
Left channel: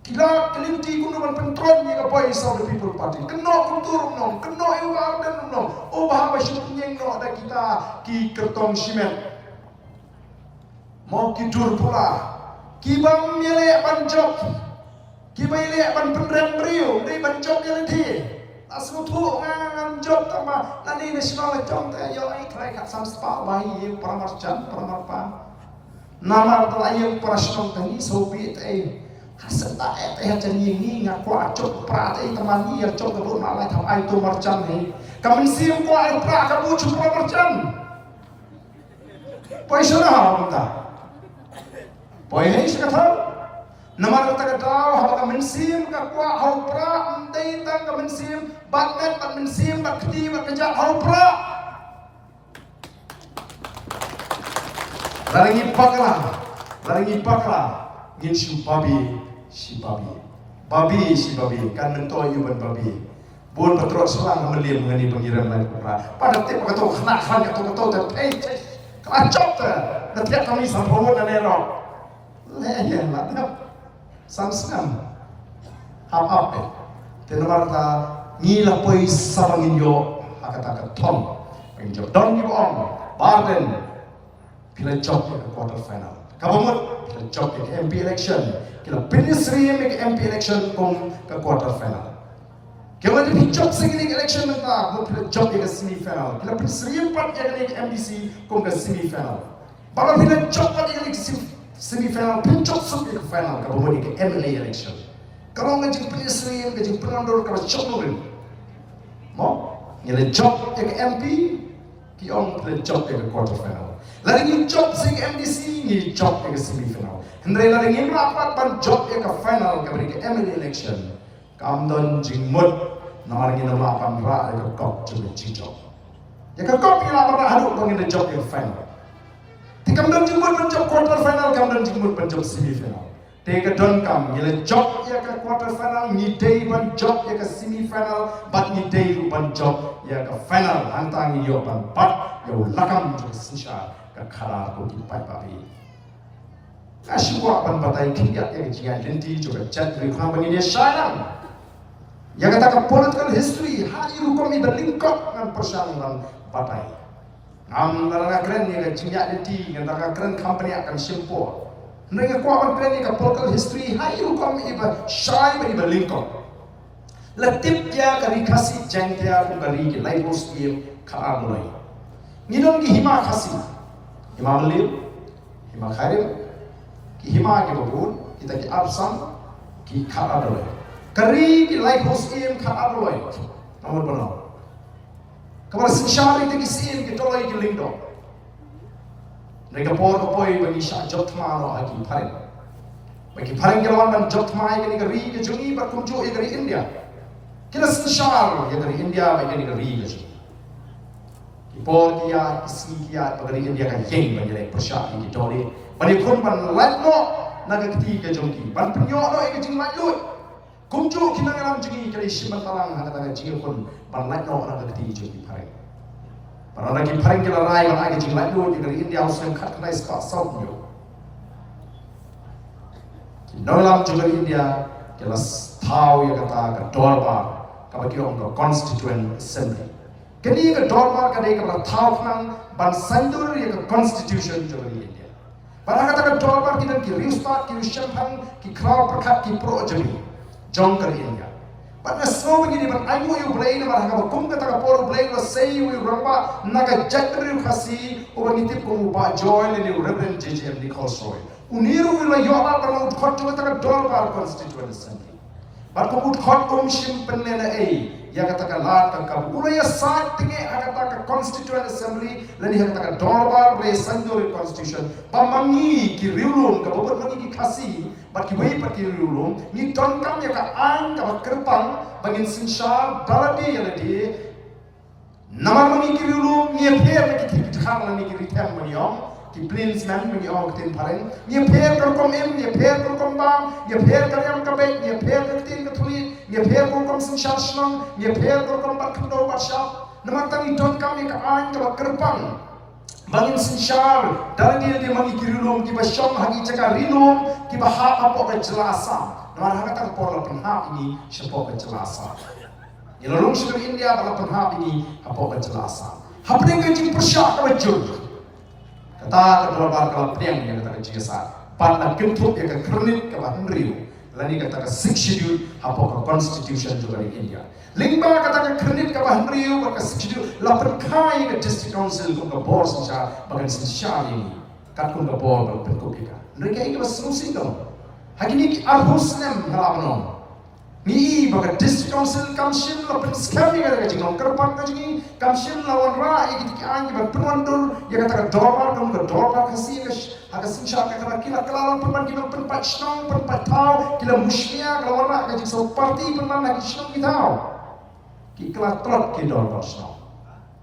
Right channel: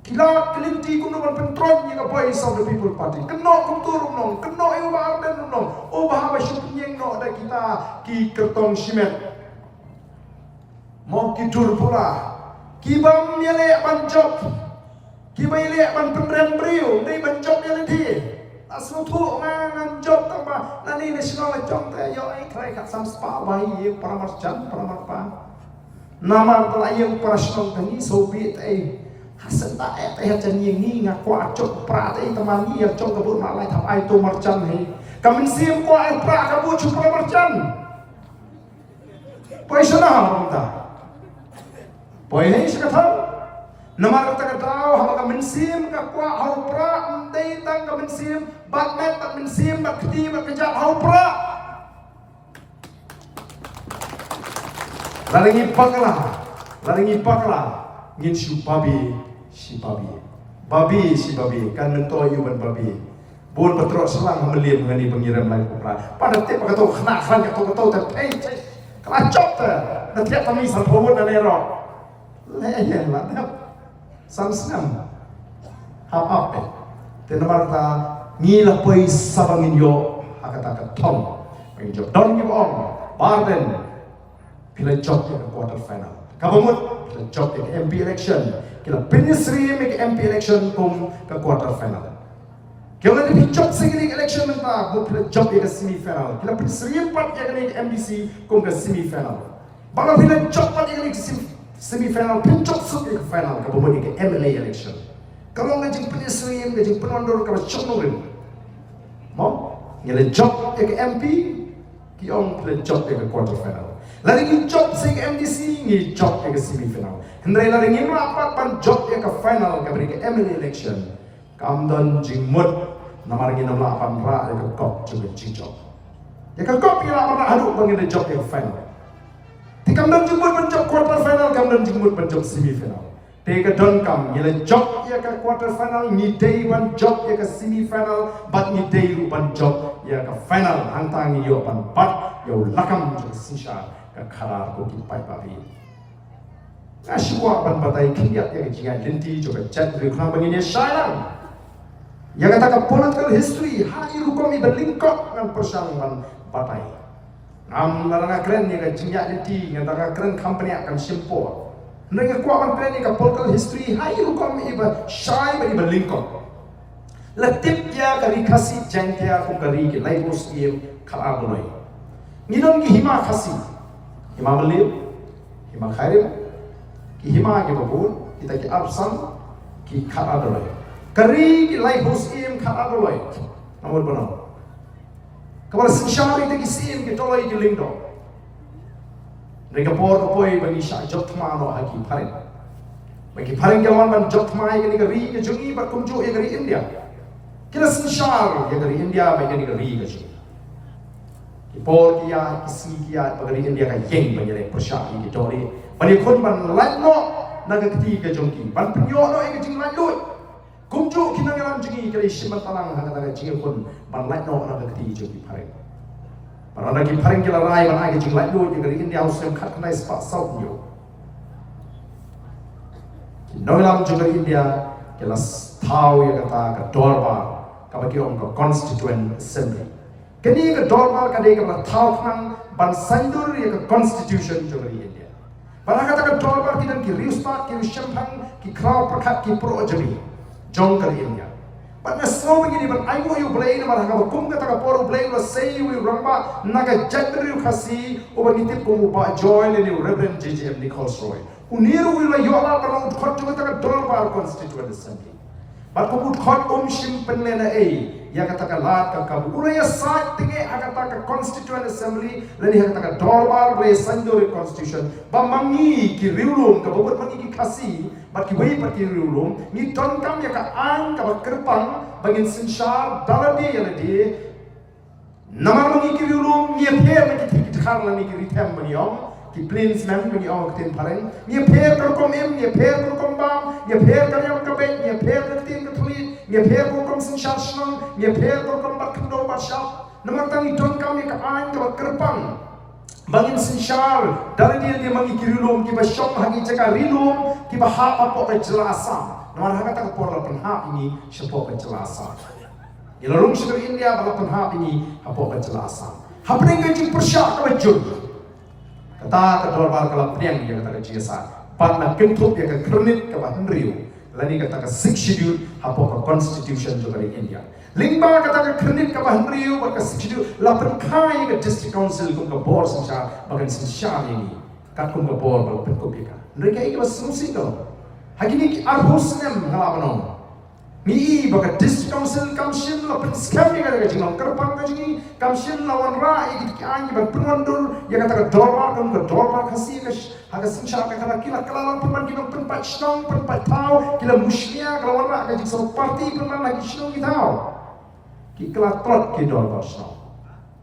kila kelinti kuno ban pentron ni ka boys of the people party keno kultur nong keno ewa dan nong oh bahwa syuting no ada kita ki kertong simet mau kidur pula kibam yele banjok kibaile ban penrem brio dei banjok yele thi asno thu ngang job tama nani national jong te yo ai khai khat sam spa bai ye paramarchan paramarpa nama telayu prasnon tani soviet ai hasan ta ai hajan ni ngaku acok pra ai teman ni yang cong kebun malai tham ai tu marchan hai kamen sim ko ai pra kabu chu paramarchan paisa na ta Poy hai sekatan namar kata tahu haba ka mensim ka kwa hau pra ndai tang ka mensim batmet bat mensim bat keti bat kejat hau pra laringi pakla ngin si babi kan mentoi yuban babi bun patrot selang melim ngani pengiran lai pra pada tip ka to khna khan ka to ta ei kala chop ta na tiap tami san phawun na nero leyan lah sam hap tenomar ta ngila poi sabangin yo akata thong bang job don give on barden pila job ke quarter final kabamut pila job ke MP election kila pinisri ke MP election kum ke quarter final kila di job singing election menta pila job ke semi final kila pinisri pat ke MBC kum ke semi final bala pila job pat ke semi-final, puncak sampai ke final kalau mau ke MLA election. Kalau ngajing penyesrim, ngajing penondur kalau coknorin, mau ngele job ke MP, kiong play job ke quarter final. Lari ngi job ke MDC, ngi job ke semi-final. Hendrai lari ngi rapat pan job ke final ke beri ke MLA election. Kamdon jingmut, namar ngi 68 ra ke kop juga job. Ya ke kop ila ra haduk bangin job ke final. Kamdan jemput menjok quarter final, kamdan jemput menjok semi final. Teka don kam ngile jok ya ke quarter final, ngidei ban jok ya ke semi final, bat ngidei ban jok ya ke final. Hantang yo ban bat yo lakam jok sisha ke khadar ko ki pai papi. Asyua ban batai kiat ya ke jian lenti jok chat rikna bangine shairang. Ya kata ke political history, hari rukom i berlingkok ngan persangan batai. Am lalanga keren ni ka jinyak deti ngata keren company akan simpo nenga kuaban keren ni ka political history hai rukom iba shai bari berlingkong latip ya ka rikasi jangtia kum ka ri ki laibos ki khala bolai ngidon ki hima khasi imam liu Imang khairim ki hima ki babun kita ki absam ki khat adoloi kari ki lai hos im khat adoloi namor bano kabar sinshari te ki sim ki toloi ki lingdo rega por ko poi bagi sha job thmano ha ki pharing bagi pharing gelwan ban job thmai ki ri ki jungi bar kumjo e gari India kila sinshar ye gari India bagi ni ri ki ki por ki ya ki si ki ya bagi India ka yeng bagi le persha ki toli bani khun ban lai no naga keti ke jongki ban penyo no e ke jing lai lui kumju kinang alam jingi kali siman talang hanga taga jingi kun ban lai no naga keti jongki phareng ban naga ki phareng kila rai ban age jing lai lui ke kali India usem khat kanai spa south nyo no alam juga India kila thau ya kata ka dorba ka bagi om ka constituent assembly kini ka dorba ka de ka thau khang ban sandur ya ka constitution juga India Barang kata dorbar kita ki riuspat ki shampang ki kraw perkat ki pro jami jong kali India. Barang snow begini ban ayo you blame barang kata kum kata ka poru blame lo say you ramba naga jadri khasi o bagi tip ko ba joy le Reverend JJM Nichols Roy. Uniru wila yola barang ut khot kata ka dorbar constituent assembly. Bar ko ut khot shim penle na ya kata ka lat ka kabula ya sat tinge kata ka constituent assembly lani kata ka dorbar ble sandore constitution bamangi ki riulum ka bobot mangi ki khasi bat ki wei pat ki riulum ni ton kam ya ka an ka kerpang bangin sinshar daladi ya ladi namar mangi ki riulum ni pher na ki khar lani ki ritem mangi om ki plains man mangi om tin pareng ni pher kar kom em ni pher kar kom bam ni pher kar yam ka be ni pher ka tin ka thuli ni pher ko kom sinshar snong ni pher ko kom bat kndo bat shap namar tangi ton kam ya ka an ka kerpang bangin sinshar daladi dia mangi ki riulum ki ba shom hagi jaka rilum ki ba ha apo ka jelasam namar ha kata ka por la penhap ini sepo ka jelasam ilarung segar India bala penhap ini apo ka jelasam hapring ka jing persya ka bajur kata ka dorbar kala priang dia kata ka jisa pan na kentup ya ka krenit ka ba henriu lani kata ka 6 schedule apo ka constitution juga di India lingba kata ka krenit ka ba henriu ba ka 6 schedule la pen kai ka district council ko ka board sancha bagan sancha ini kat ko ka board ba pen ko pika mereka ini ba solusi ko hakini ki arhusnem halabano ni baga district council kamshim la pen scam ni ka jingong kerpang ka jingi kamshim la wan ra ki anyi ba penwandur ya kata ka dorbar ka dorbar khasi ka haga sincha ka kala kila kala pen ki pen pat shnong pen pat tau kila mushlia kala wan ra ka jing so party pen man lagi shnong ki tau ki kala trot ki dorbar shnong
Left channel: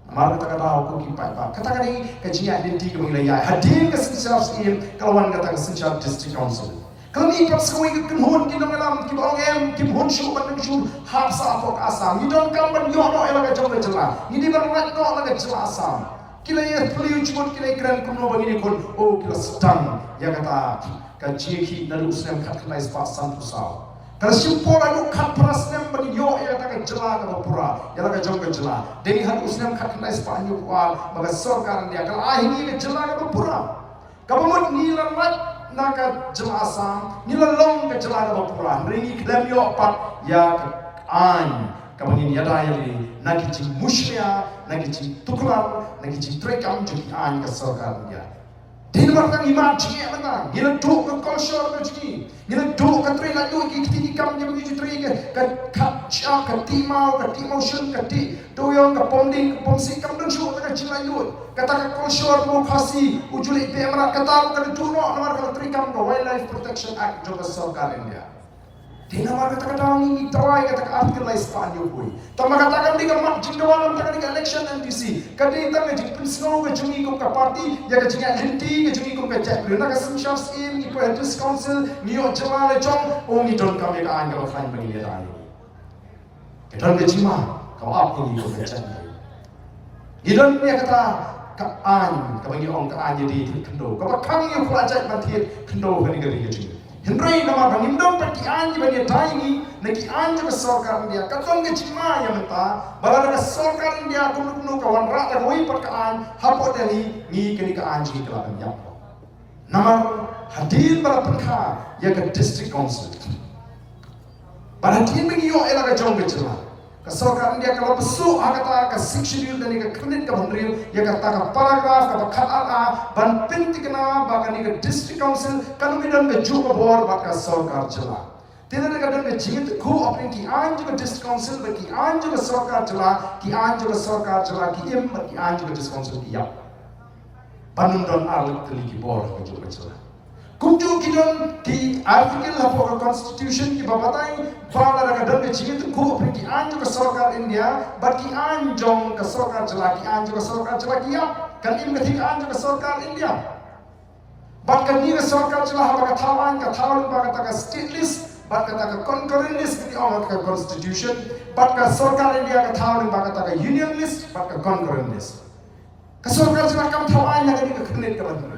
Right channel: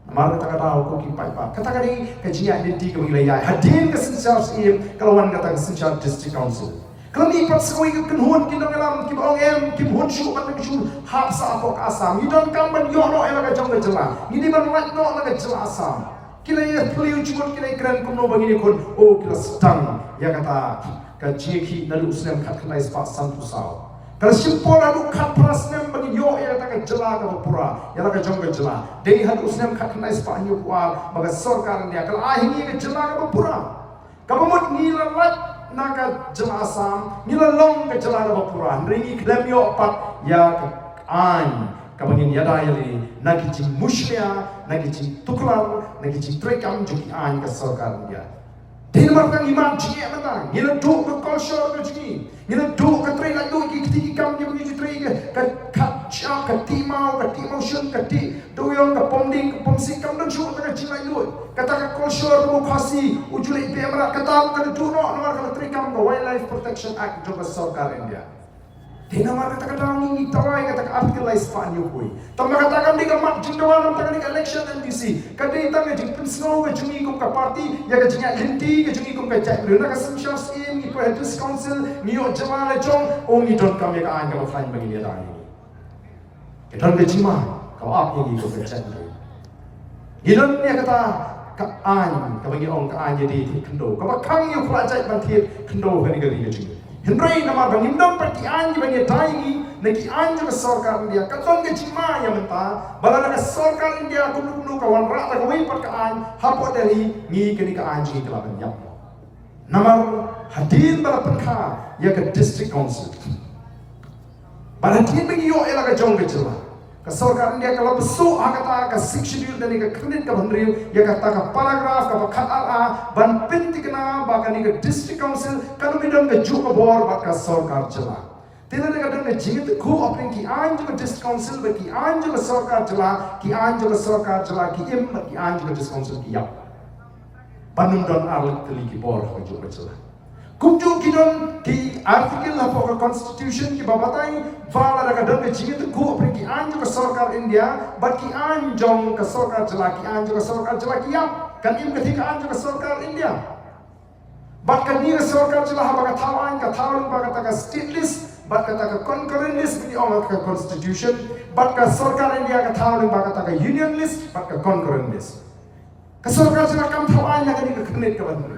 amar kata kata ko ki pat pa kata kani ka jingi identity ka mangila ya hadin ka sincha sim kala wan kata ka sincha district council kami pat sekoi ke kenhun ki dong alam ki bong em ki hun shu ban shu hap sa ko asam ni don kam ban yo no ela ka jong ka jela ni di ban lat no la ka jela asam kila ye fliu chumot kila kran kun no bangini kon o kila stang ya kata ka jeki nalu usnem khat khlai spa sam tu saw kala simpor adu khat prasnem bangin yo ela ka jela ka pura ela ka jong ka jela dei had usnem khat khlai spa nyu kwa maga sarkar dia kala ahini ka jela ka pura kabamut ni la lat naga jelasam nila long ke jelaga bapuran ringi klem yo pat ya ke an kabangin yada yali nagi jing mushya nagi jing tuklar nagi jing trekam juki an ke sarkar dia din martang iman jingi amata nila do ke culture ke jingi nila do ke tre la do ki kiti kam ni bagi tre ke ka cha ka timau shun ka ti do yong ka pomding ka pomsi kam dan shu ka jingai lu kata ka culture mo khasi ujuli pe amara kata ka do no nomor ka tre kam no wildlife protection act jo ka sarkar India din amar kata ka daw ni tawai kata ka article Espanya koi tama kata kam di ka mat jingkawan ka ni election MTC kadi tang jing prinsno ka jungi ko ka party ya ka jinga linti ka jungi ko ka chat na ka simshar sim ni police council ni yo jama le chong o ni don kam ya ka an ka ba fine bagi dia dai ke don ka jima ka ap ni ko ka chat ni don ni kata ka an ka bagi ong ka an jadi kendo ka ba khang yu khla jai ban thit kendo ka ni ka ri jingi Henry nama bangin dom pati anji bagi taingi neki anji ke sarkar India katon ke cima ya menta balana ke sarkar India kumnu kawan rata ke wei pat ka an hapo dali ni kini ka anji ke laban yap nama hadin bala penkha ya ke district council bala hadin bagi yo ela ka jong ke jela Ka sarkar India kalau besuk kata ka 6 schedule dan ka kredit ka bandriu ya kata ka paragraph ka khat a ban pinti kana ba ka ni ka district council kanu midan ka ju ka bor ba ka sarkar chala tela ka dan ka jingit khu apne ki an ju ka district council ba ki an ju ka sarkar chala ki an ju ka sarkar chala ki em ki an ju ka district council ki yap banum don arlik teli ki bor ka ju ka chala kumju kidon ki article la for constitution ki babatai bala daga dan jingit ku apni ki anju ka sarkar India but ki anjong ka sarkar chala ki anju ka sarkar chala ki yap kan im ka anju ka sarkar India but kan ni ka sarkar chala ba ka thawan ka thawling ba ka state list but ka concurrent list ki ong ka constitution but ka sarkar India ka thawling ba ka union list but ka concurrent list ka sarkar chala kam thawan na ka ni ka khnit ka ban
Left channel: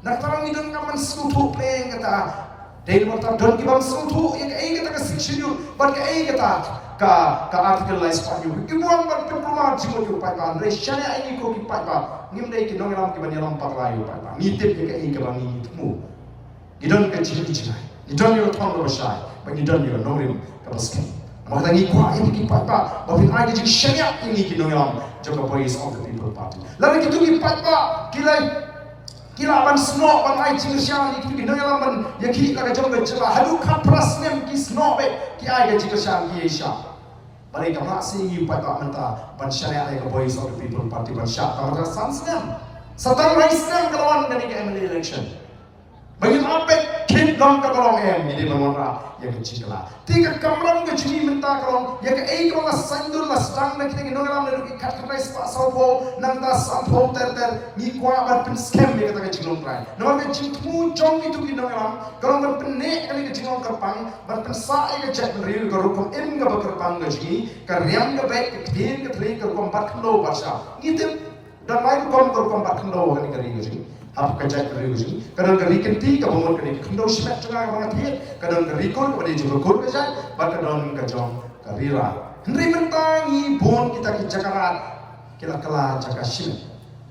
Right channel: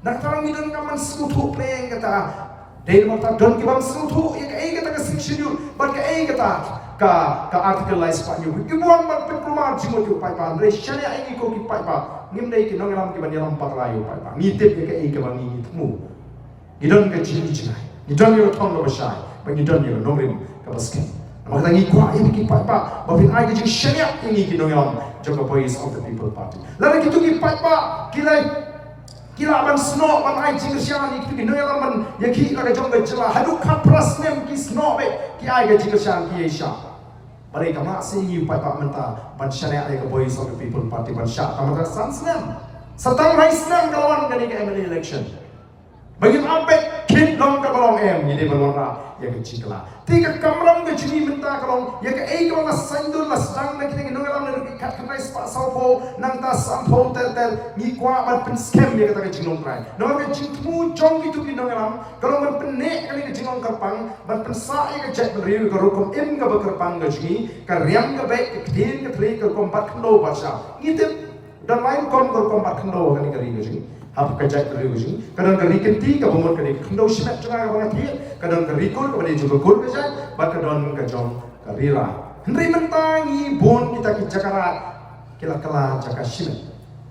Naktarang idon ka man sutu playing kata dahil mo ta don ki bang sutu ya ka kata ka schedule but ka articleize pa niyo ibuan man pemprumar jimo yo pa pa re shania ai ko ki pa ngim dai ki nong ram ki ban yalam paklayo pa ngitip ya ka bang ngitmu idon ka jini jinai idon yo thong no basai ba idon yo nongrim ka baskin makata ngi kwa ini ki pa ba bin ai ki shania ini ki nong yalam joka boys of the people party lalu ki tu ki pa kilai kila ban snow ban ai jing sian ni ki no yalam ban yaki la ka jong ga chla hadu ka pras nem ki snow be ki ai ga jing sian ki aisha bare ka ma si yu pa menta ban shane ai ga boys of the people party ban sha ka mata san snem satang rai snem kalawan ga ni ka MLA election bagin ape kin long ka balong em ni de ban wana ya ka chikla tika kamram ga chini menta kalong ya ka ei ka la sandur la stang na ki no yalam na ki kat ka rais pa sau po nang ta sam po ter ni kwa ban pin scam ya ka chingong trai no ka ching thu jong ki tu ki no yalam kalong ban pin ne ka ni ka chingong karpang ban pin sa ai ka chat ban riu ka rukom im ga ba karpang ga chi ka riam ga baik ka kdin ka thri ka kom bat khlo ba sha ni te dan mai kom bat khlo ka ni ka ri ga chi apa kerja kerja kadang kerikenti ke bomon ke kendo semet tengah banget dia kadang kerikol kepada juga kol kerja kadang kejong karira hendri mentangi bon kita ki jakarat kila kala jaka simet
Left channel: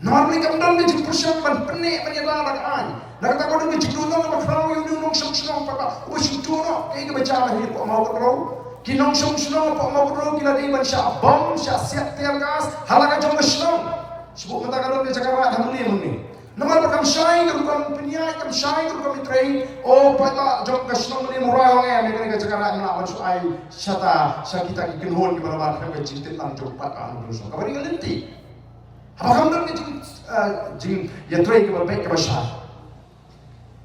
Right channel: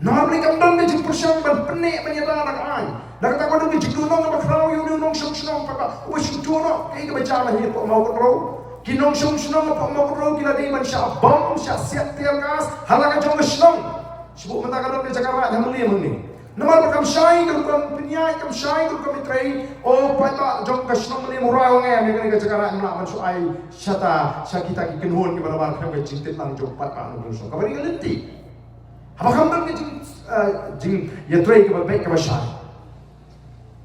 normally kam don ke persang ban penik menyata nak ai nak kata kau ke jidono ke bakrau yu nong song song papa ubah jidono ke baca lah ni mau ke bro kinong song song mau ke bro kila di ban sya bom sya siap tiang gas halaka jong ke song sebut mata kadang ke jakarat hamli Namal bakam shine kam pinyai kam shine kam mitrai o pada jom kasnong ni murai wang em ni ka jagara na man su ai shata sakita ki kinhon ki barabar ka jintit lang jom pat anu so ka bari galinti apa kam dan jing ya trai ka baik ka bashan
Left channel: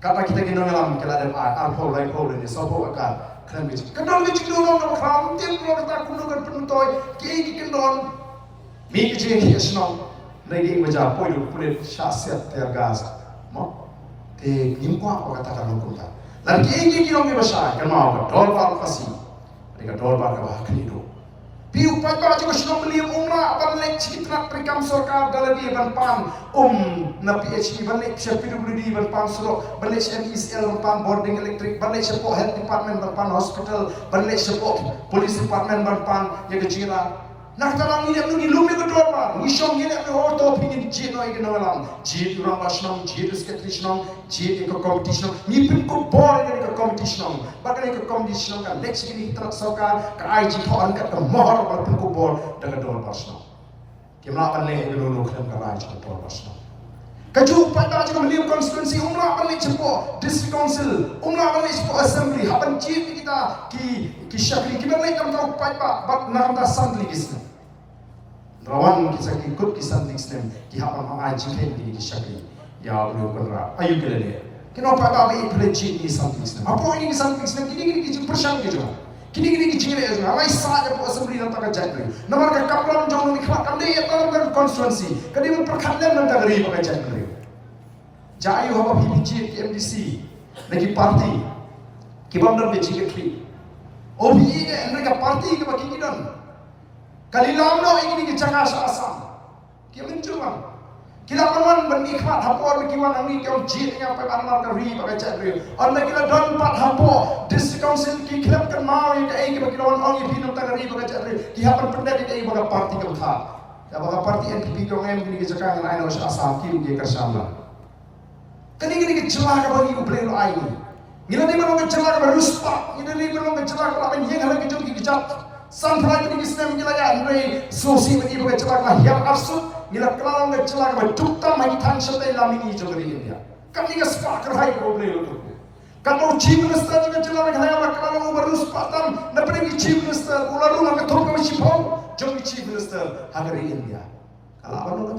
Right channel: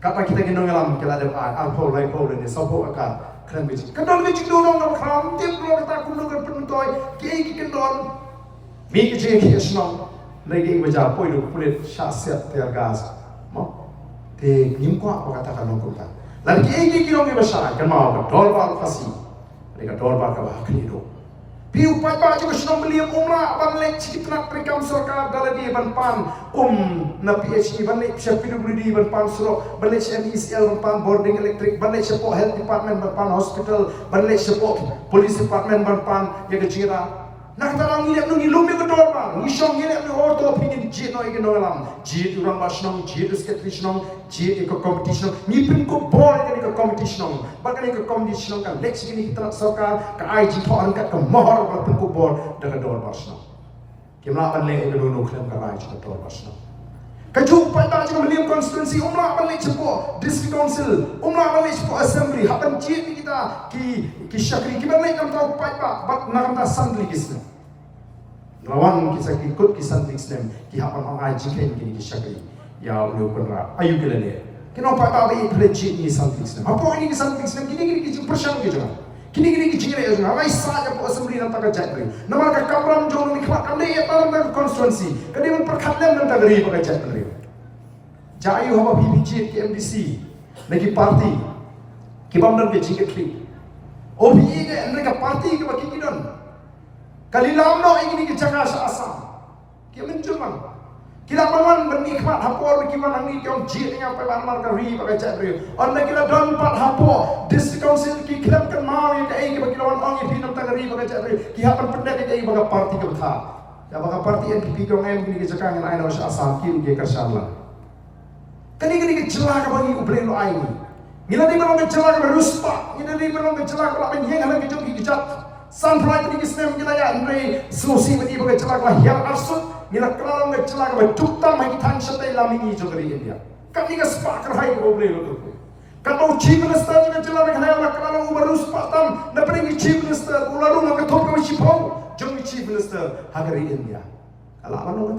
kata kita ginong alam kala de alpo lai po ni sopo akan kran bi kadon bi jidon no kram tim ro ta kun no kan pentoy ki kendon mi ki ki asnong lagi baca poin itu kulit syasiat tergas, mau te nimkwa apa katakan mengkumpul. Lagi ini kita orang besar kan mau berdorbar kasih, mereka dorbar ke bawah kini do. Piu pai juga sudah beli umrah balik sikit nak perikam sarkar dalam dia ban na PhD balik siap PWD ban surok balik MECL ban boarding elektrik balik siap health department ban hospital balik siap police department ban yang kecilan. Nak kata lang nilai nungi lumi ke dorbar, nisong nilai nungi orto pingin jit no ikan nongalam, jit urang basnong, jit usketrisnong, jit ikut competition, ngipin ko bor ikan ikut competition, bahkan ikut competition kan lex ini kita sarkar, ka IG to angkat ke mohor bahkan ko bor dengan dorbar basnong. Kimla panle ikan nungi klaim ka IG ke dorbar basnong. Kaju pada juga melihat konstitusi umrah balik cepo district council, umrah balik cepo assembly, hapan jit kita ki syakri ki balik kam tahu pada bat nak kam ta santli kisne. Rawan kita ikut ki santli kisne ki hapan ang IG kain ki syakri. Ya ulio penra ayu kelele. Kino pada be prejit ni santli kisne. Apa ini ki santli kisne kini ki persang ki juga. Kini ki jingre ya juga. Mai saja po assembly nan taka jat beri. Namar ka kamram jong ni khmat ande ya talam konstitusi. Kadi mun perkhatlem nan tagari pakai jat beri. Jayu haba PPG ke MDC lagi parti kibamdan ke jiketri OBE ke mereka parti ke bagi kidan kalilam no ingin ke jaga asam kia mencuman kila paman bernikmat hapor kiwan angni kau jit dengan apa ban marka ri pakai cakri anda kila don pat hapo district council ki klub kan mau yang ke bagi lawan ong pi nam tagari pakai cakri ki hapan pendak ke bagi parti ke betha ya bagi parti NPP kau ngem ni ke jaga ngai no asam ki ke kersala kini celah ke bagi ubelin lo aini. Ngila di mana celah ke ruspa, ngila di mana celah ke lapan yang halang kejut kejat. Sanfrai ni kisnem gila ya andre susi bani bagai celak lah yang arsut gila kelalong bagai celak bagai tukta mai tang shatai lamini jogari India. Kami ka spark hai ko ble lo. Kalau chief minister juga celak bagai hayam kelalong ubarus patam na pergi chief minister ularu na kathok ka shipau jong chief minister hagari India. Kalau apa no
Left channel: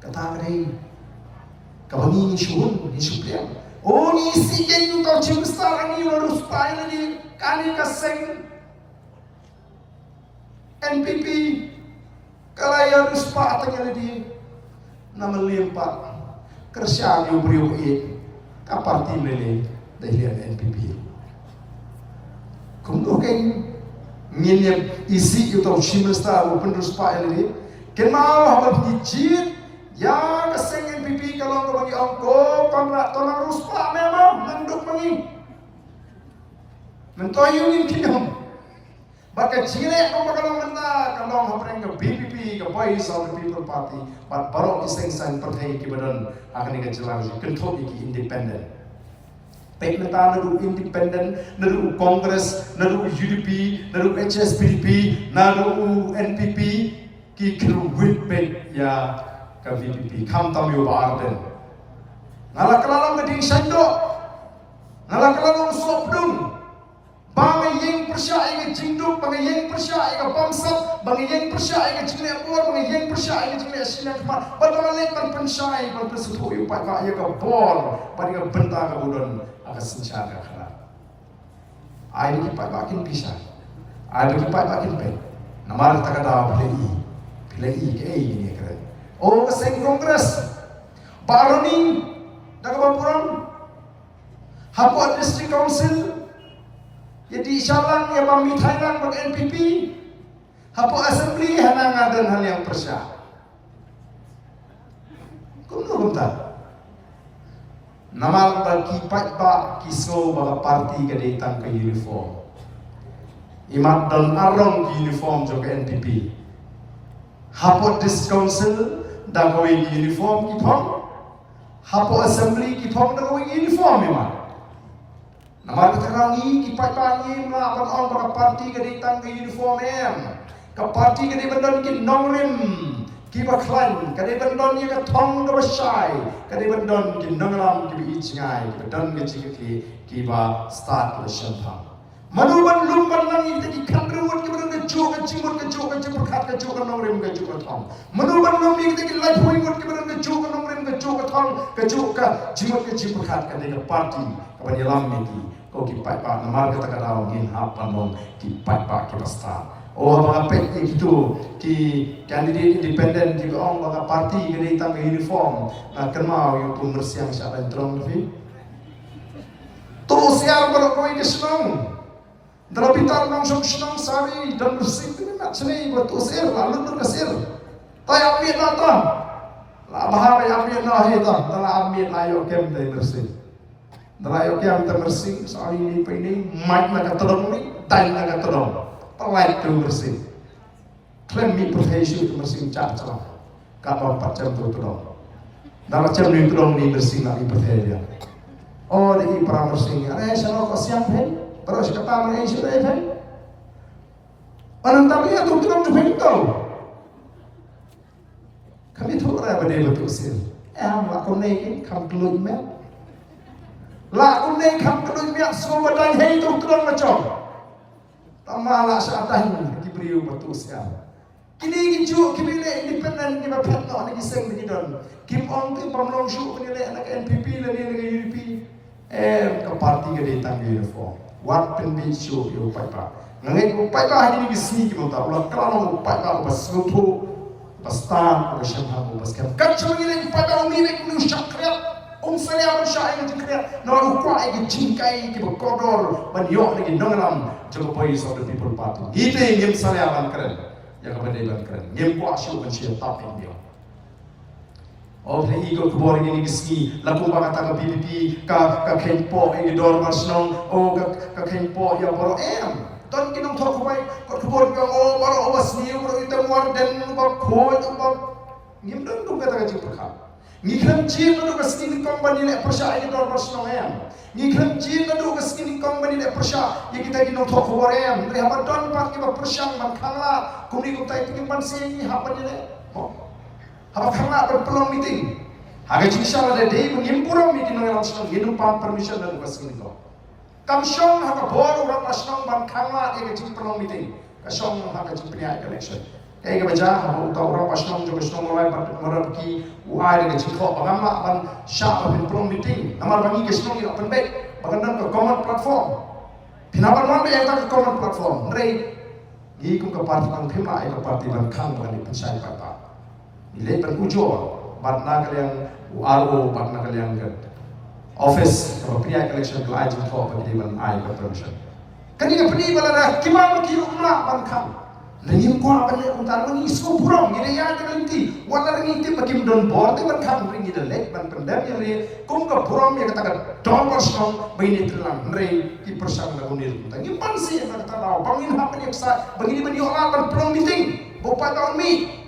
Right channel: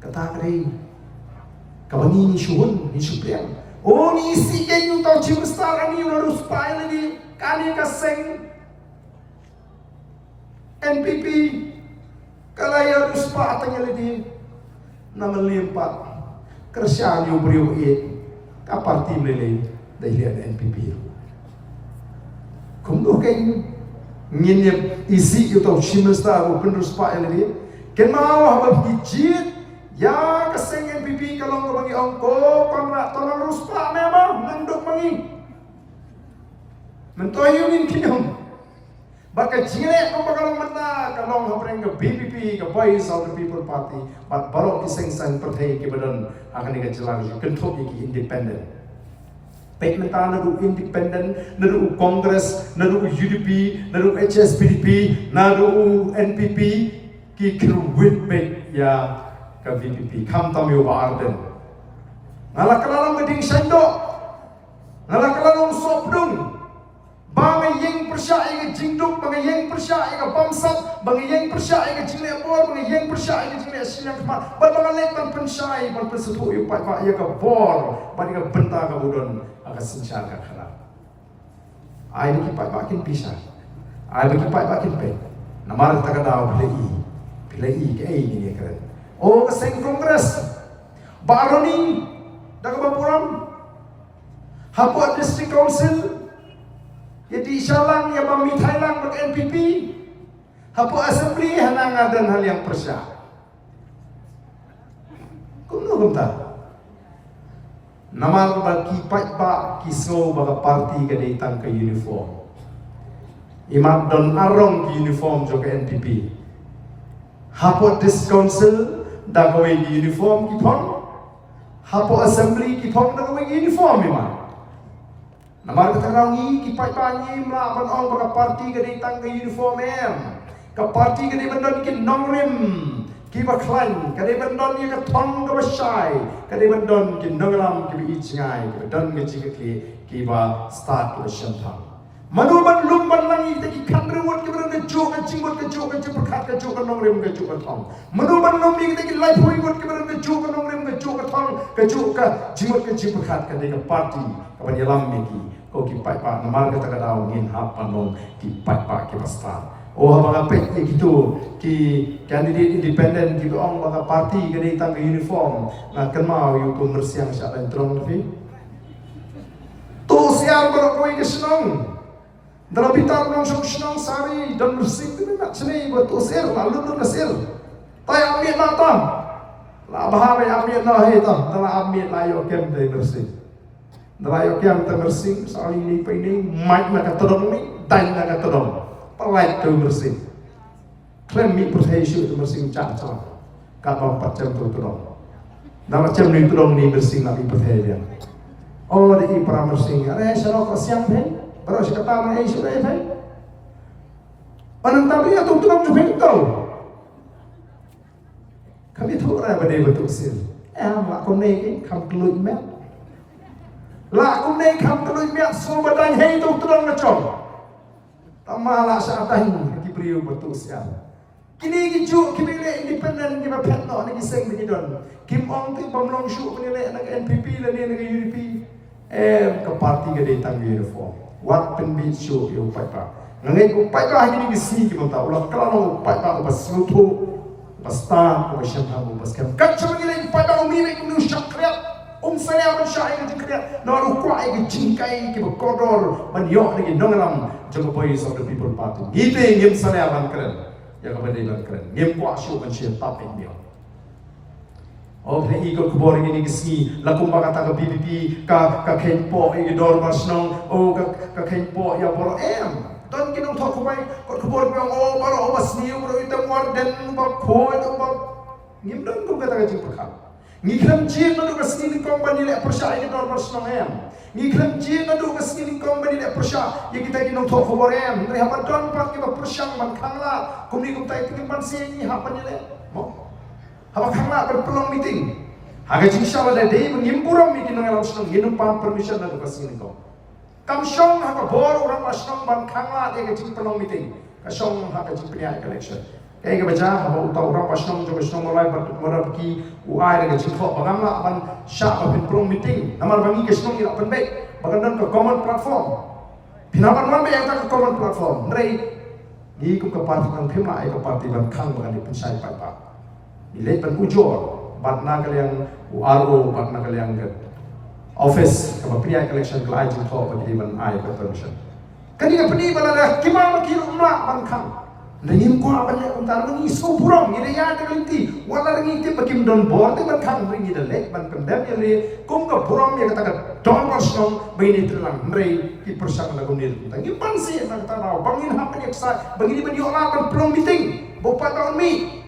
kata kari kabani ni shuun ni supreme. Oh ni si kenyu tau chief minister ani ularu supaya lagi kani ka seng NPP kalaya ruspa atanya lagi nama limpat kerja ni beriu kaparti mele dahilian NPP kumdo kain nginye isi itu chimesta open ruspa lagi kenmau habab hijit ya kaseng NPP kalau ngau bagi ongko konrak tonang ruspa memang nanduk mangi mentoyungin kinyom Baka jire ko magalong mata kalong hapreng ke BPP ke Voice of the People Party but barok kiseng sang partai ki badan akan ni kejelang kentok ki independent. Pek mata nadu independent, nadu Congress, nadu UDP, nadu HSPDP, nadu NPP ki kru win pek ya ke BPP kam tam yo ba arden. Ngala kalalong meding sendo. Ngala kalalong sopdung. Bangai yang persyai ke jingduk, bangai yang persyai ke bamsat, bangai yang persyai ke jinglet bor, bangai yang persyai ke jinglet silang kemat. Bangai lek ban persyai, ban persetu yu pai pai ke bor, ban ke benta ke budon agak sencar ke khala. Ai bagi pai makin bisa. Ai bagi pai makin pe. Namar tak ada pilai ke ini keren. Oh seng kongres. Baroni dak bapuram. Hapo district council jadi isyalang ya bami Thailand bag NPP hapo assembly hanang adan hal yang persya kuno kumta namal bagi pa kiso baga party ka datang ke uniform imat don arong ki uniform jo ke NPP hapo dis council da ko uniform ki phom hapo assembly ki phom da ko uniform imat Namar keterangi kipai panyi melawan orang pada parti ke datang ke uniform ke parti ke dibendon ke nongrim ki baklan ke dibendon ke thong ke basai ke dibendon ke nonglam ke icngai ke bendon ke cikli ki ba start ke sempang manuban lumban langi te ki kandruut ke bendon ke jok ke cimut ke jok ke perkat ke jok ke nongrim ke jok ke thong manuban lumbi te ki life hoingut ke bendon ke jok ke nongrim ke jok ke thong ke jok ke cimut ke perkat ke de parti ke banyalam miki ko ki pai pa namar kata kata ngin hap panon ki pai pa ki pasta oh abang apek gitu ki candidate independent ki ong baka parti ke datang ke uniform ngakan mau yu pembersihan siapa yang terong lebih tu siar pada koi ke senang dalam pitar nong senang sari dan bersih tu nak seni buat tu siar lalu tu kesir tay ambil nata lah bahaya ambil nahi ta dalam ambil layo kem dari bersih Nelayan yang terbersih, soal ini mic nak terong ni, dan nak terong, pelai tu bersih. Klaim mi perhatian tu bersih cacah, kapal 4 jam tu terong. Dalam jam ni terong ni bersih nak mi perhatian. Oh, di para bersih, ada siapa kau siang pun, baru si kata mana siapa pun. Orang tapi tu terong tu pun tahu. Kami tahu orang berdaya betul sih. Mak kau ni kan keluar mat. Lah aku ni kam kalau biar semua badan hei tu terang macam. Tamalah syaitan diberi betul siapa. Kini kicu kini le independen kita petno ni kiseng begini don. Kim Ong tu pemlong syuk ni le nak NPP le ni nak UDP. Ke parti ke datang ke uniform. Wat penbi syuk yo pai pa. Ngai ko pai pa ni kisi kim ta ulah kalau pai pa pas selutu pas tan pas syampan pas kam. Kan cuma ni pai pa umi ku nu syakriat. Saya bersyai dengan jengkriat, naruh kuai ke jingkai ke berkodor, banyok lagi nongalam jaga Voice of the People Party. Gitu yang saya akan keren, yang kepada iban keren. Yang kuat syuk mencium tapin dia. Oh, ini ikut kebor ini kesini. Lakum kata ke BPP, ke Kenpo, ini dor masnong. Oh, ke Kenpo yang baru Dan kita tahu kuai, kebor yang oh baru awas ni, baru itu muar dan bab koi, bab ngim dan kum kata kecil perkara. Ngiklam jin nadu ka skin kong banile persya ini dor bersnong em. Ngiklam jin nadu ka skin kong banile persya ye kita ginong thok khobor em. Re hapan don pat ke persyang man khangla kumni kum tai tingin ban se ni hapan ni le. Mo. Haba khangla ban pelong meeting. Haga jinsha wala dei ngimpuram mi kinong elam snong ginum pam permission nadu ka skin kong. Kam syong haga bor orang masnong ban khangla ye jing pelong meeting. Ka syong haga jing pria election. Kaya baca haba utau orang pasnong jo pasnong mulai marab ki uai dengan jingkok bagama ban sya ban pelong meeting namar bangi ke snong ira penbek bagandan ke common platform pinaban wan be yang ke common platform rei gi kum ke parti ang phima ai ke parti ban khang bagan di pensai pai pa nilai ban ujor ban na kalian URO ban na kalian ke office ke pria election ke ai jingkok ban di ban ai ke permission kan ni peni balada kimama ki umma ban khang Nangim ko aban le untar mangi so burong ni ya de linti wala ringi ti bakim don bor te ban khang ringi de lek ban pendam ya le kum ka burong ya kata don wasong bini trilang mrei ki persang lagu ni tangi ban si na kata law bangin ha pan yaksa bangini ban yo ban plong meeting bo pa taon mi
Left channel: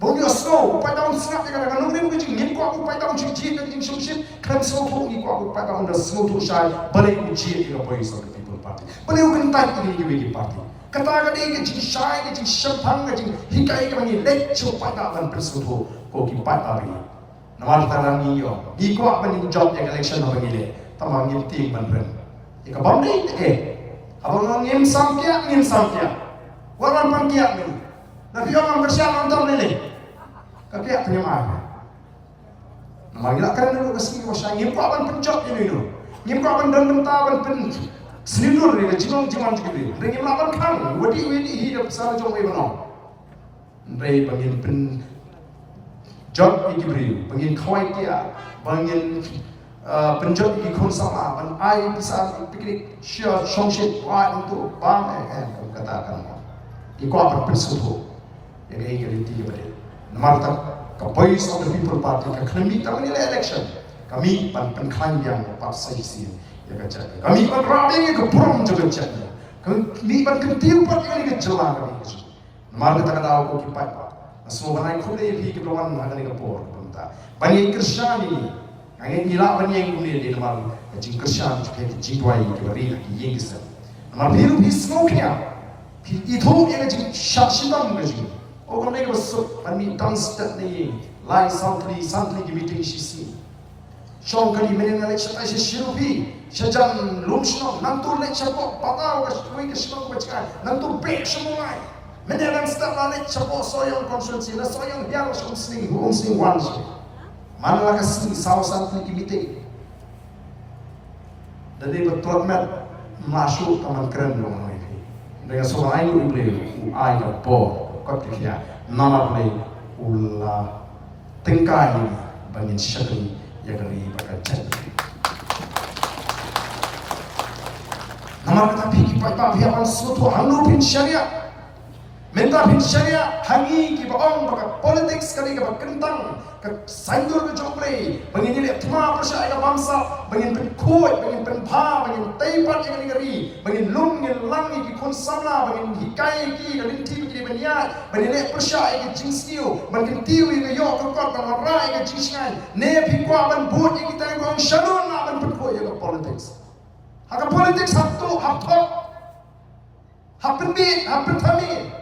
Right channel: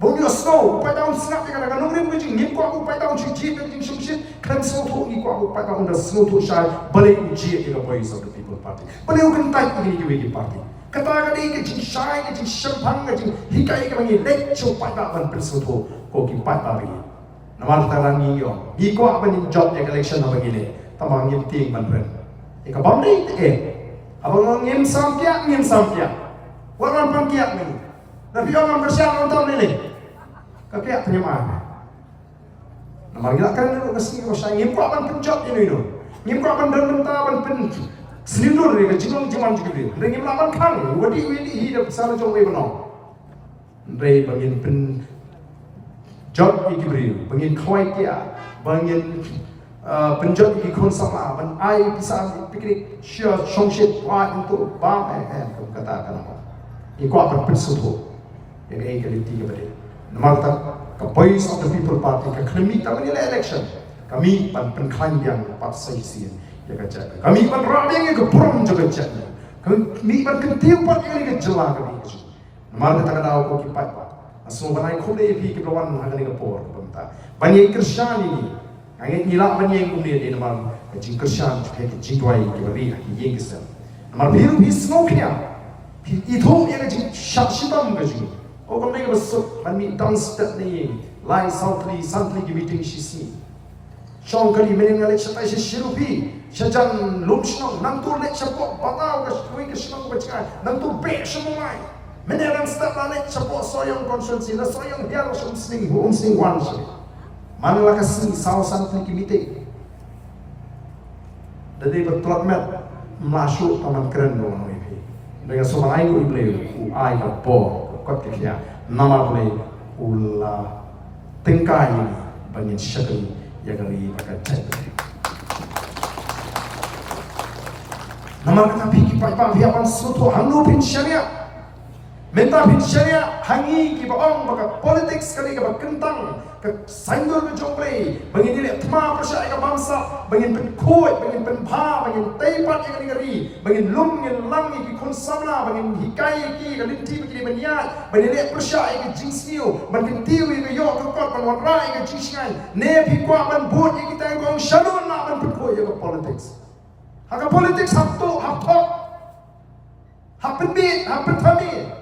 bo ni osno pa taon snap ya kata kanong rim jing nim ko aku pa taon jing ji jing shumshit kram so tho ni ko aku pa taon da sno tho shai bale ku ji ya boys of the people party bale u kan tai ni ki party kata kali ke jing shai ke jing shampang ke jing hikai ke bangi lek chu pada ban persuto ko ki pada bi namar tarangi yo gi ko ban job ya election na bangi le tamang ngim ting ban ren e ka bam dei te abang ngim samkya waran pan kya ni na bi ong kerja nonton ni ka kya terima namar gila kan ro kasi wasa ngim ko ban pen job ni no ngim ko ban dan benta ban pen Senior ni ke jinong jiman juga ringi melawan kang wadi hidup sana jong webano rei bangin pen job iki beri bangin khwai kia bangin penjot iki kon sama ban ai bisa piknik share shongshit wa untuk bam kamu katakan ki ko apa pensuto yang ai ke linti ke bade namar tak ka voice of the people party ka khlemi tamani election kami pan klan yang pat sai sin ya kaca kami ban rabeng ke burung juga jatnya kami ban kentiu pat yang ke jelang kami namar kata kata aku ki pai pa asu banai khole fi ke lawan agani ke por banta bani krishani ngai nila bani yang kumni de namar jing krishan ke jing tuai ke bari ki yeng ke namar biru bi snow kya itu yang jing shakshitam ke jing o kamne ke besuk bani dance step ni lai sautli santli ki meeting shi Syong kali menen ngalek satai sirupi sajan lumsnong nantur lek sapok patau ke sui ke sinong ke bacaan nantur bek semua menelan step ngalek sapok soyong konsumsi na soyong hial sing wan si mana lah kasih sawasan tinggi mite dari betul met masuk taman keren dong ini dengan semua lain ku ible ai ka po kot kia nama boleh ulah tengkai bangin syakri yang kali pakai cat. Namar kata pergi pak biapan suatu hangnu pin syariah, minta pin syariah hangi ki baong pakai politik sekali ke kentang ke sanggur ke joplay, bangin ini tma persyai ke bangsa, bangin pen kuat, bangin pen pa, bangin teipat yang ngeri, bangin lum ngin lang ki konsamla, bangin hikai ki kalinti ki baniat, bangin ini persyai ke jingsniu, bangin tiu ke yok ke kot bang warai ke jingsngai, ne pi kuat ban buat yang kita yang gong shalun nak ban pen kuat ke politik. Hak politik sabtu hapok, hapen bit, hapen tami.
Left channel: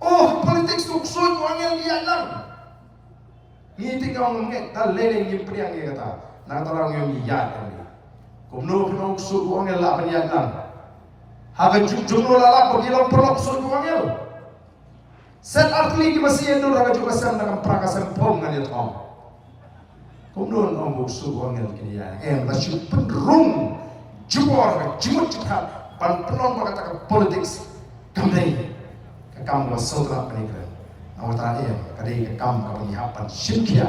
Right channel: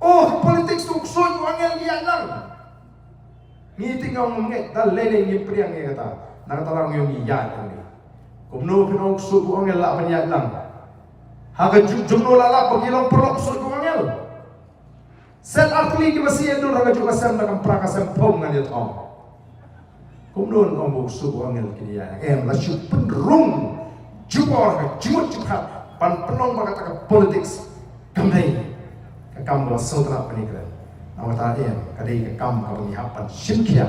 Oh politik suksoi wangel dia nang. Ni tinggal ngomong dan lele ni priang ni kata nak kata orang yang iya ni kumno kena usuk angel lah banyak lang haga jumno lala pagilong perlok usuk angel set artli ki masih endo haga juga sam nak prakasam pom ngani thom kumno ngomong usuk angel ki ya la syuk penrung jubor haga jimut jikhat pan penong kata politik kamdai ka kam wa sotra panikran Awak tak ada, kadai ke kam abang ihapan simkia,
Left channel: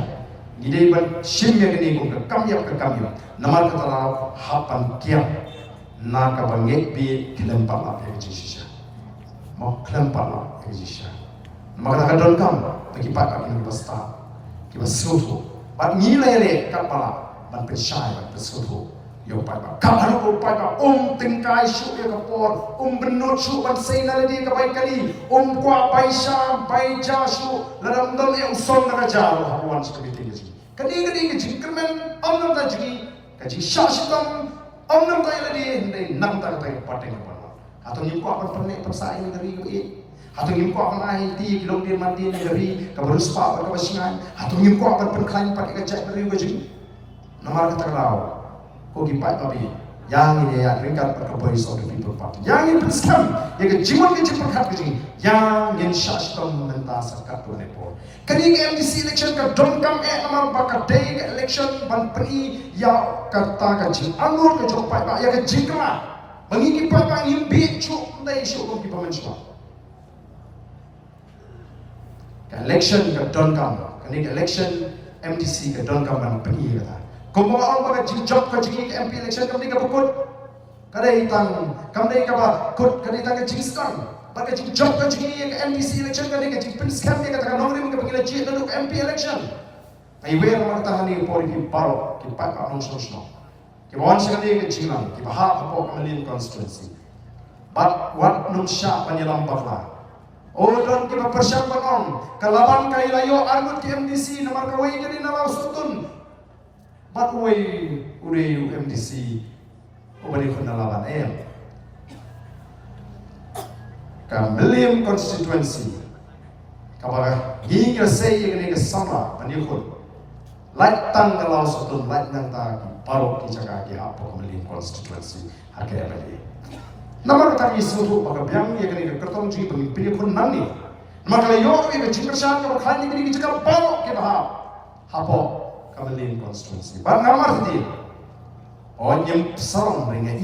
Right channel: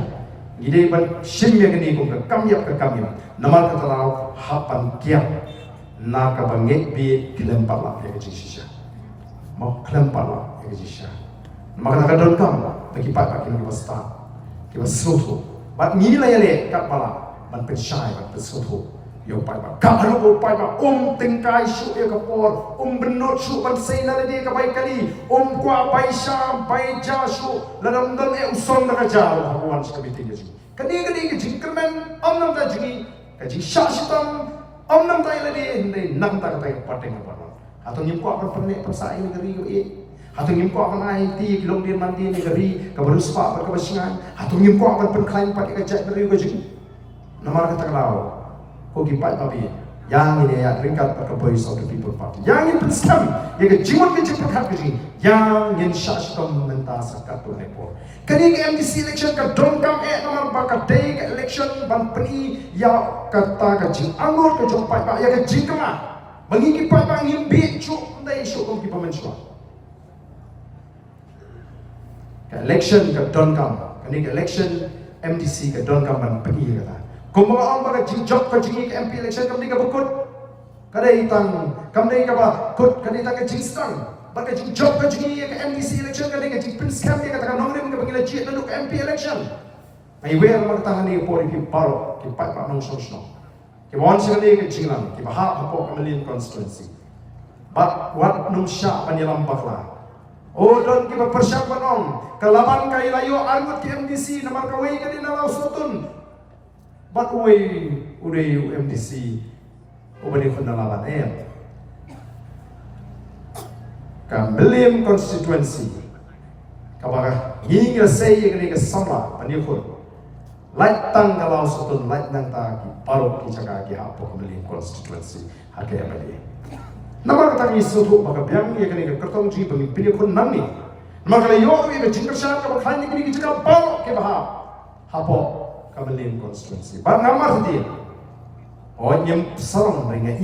gede ban simia gede kum ke kam yap, namar kata lau hapan kiam, nak abang bi kelempar lah ya kejisya, mau kelempar lah ya kejisya, namar kata kadon kam, bagi pak ini kita suatu, bat nilai le kat pala, bat pensai, bat suatu, Yo pai ba karu ko pai ba tingkai syuk ya kapor benut syuk ban sei na ledi ka bai kali kwa bai sha bai ja syuk ladam dam usong na ka ja hawan sa kamiti ji kani ke jingkermen nam ta ji ka ji sha shitam nam ta ledi ndai nam ta ka pateng apa atau nyim ko akan perne persai negeri yo atau nyim ko akan ai ti kilong dir mandi negeri ka baru spa ka basingan atau nyim ko akan penklaim pai ka jai negeri ko ji namar ka taklaw Kogi pai papi yang ini ya ringkat pada Voice of the People Party yang ini penskam yang kejimat kejipat keji yang ini syastom mentas kat tu nepor kini ke MDC election ke dongkam namar bakal day ke election ban peni ya kata keji anggur ke jom pai pak ya keji kema bagi pai pak ingin bicu dai syukum ki pemensua ke election ke dongkam kini ke election MDC ke dongkam ban peni kata Kumpulan orang bagai jinjok ke jingi ke MP election kami ke bukut, kadai hitang kami ke bakut kadai hitang ke jingskan, bagai jinjok ke jingi ke MDC election kadai ke jingpin scam dia katakan nomor dia panggil jit lalu ke MP election. Ayuh rumah tahan ni pori ki baru ki pai pak nong song. Ki bawan sekali ke jinglang ki bahap apa Kamalian constituency. But what num syak panyalam bakla. Oh don ki persiapan on kelaban kai layo argut ki MDC nomor kawai kadai nalau sutun. But we udah MDC ubah kena lawan Kamalian constituency kabar hingga saya yang ini sama panikun light tang kalau satu light nang tagi baru kita kaki apa Kamalian constituency harga apa dia nama kata isu tu maka biang ia kena kertong ji pemimpin kun nani nama kalau yo ia jingkersan kabar kali ini kita baru ke bahap apa Kamalian constituency. Ban namar dia. Oh nyem sarong dengan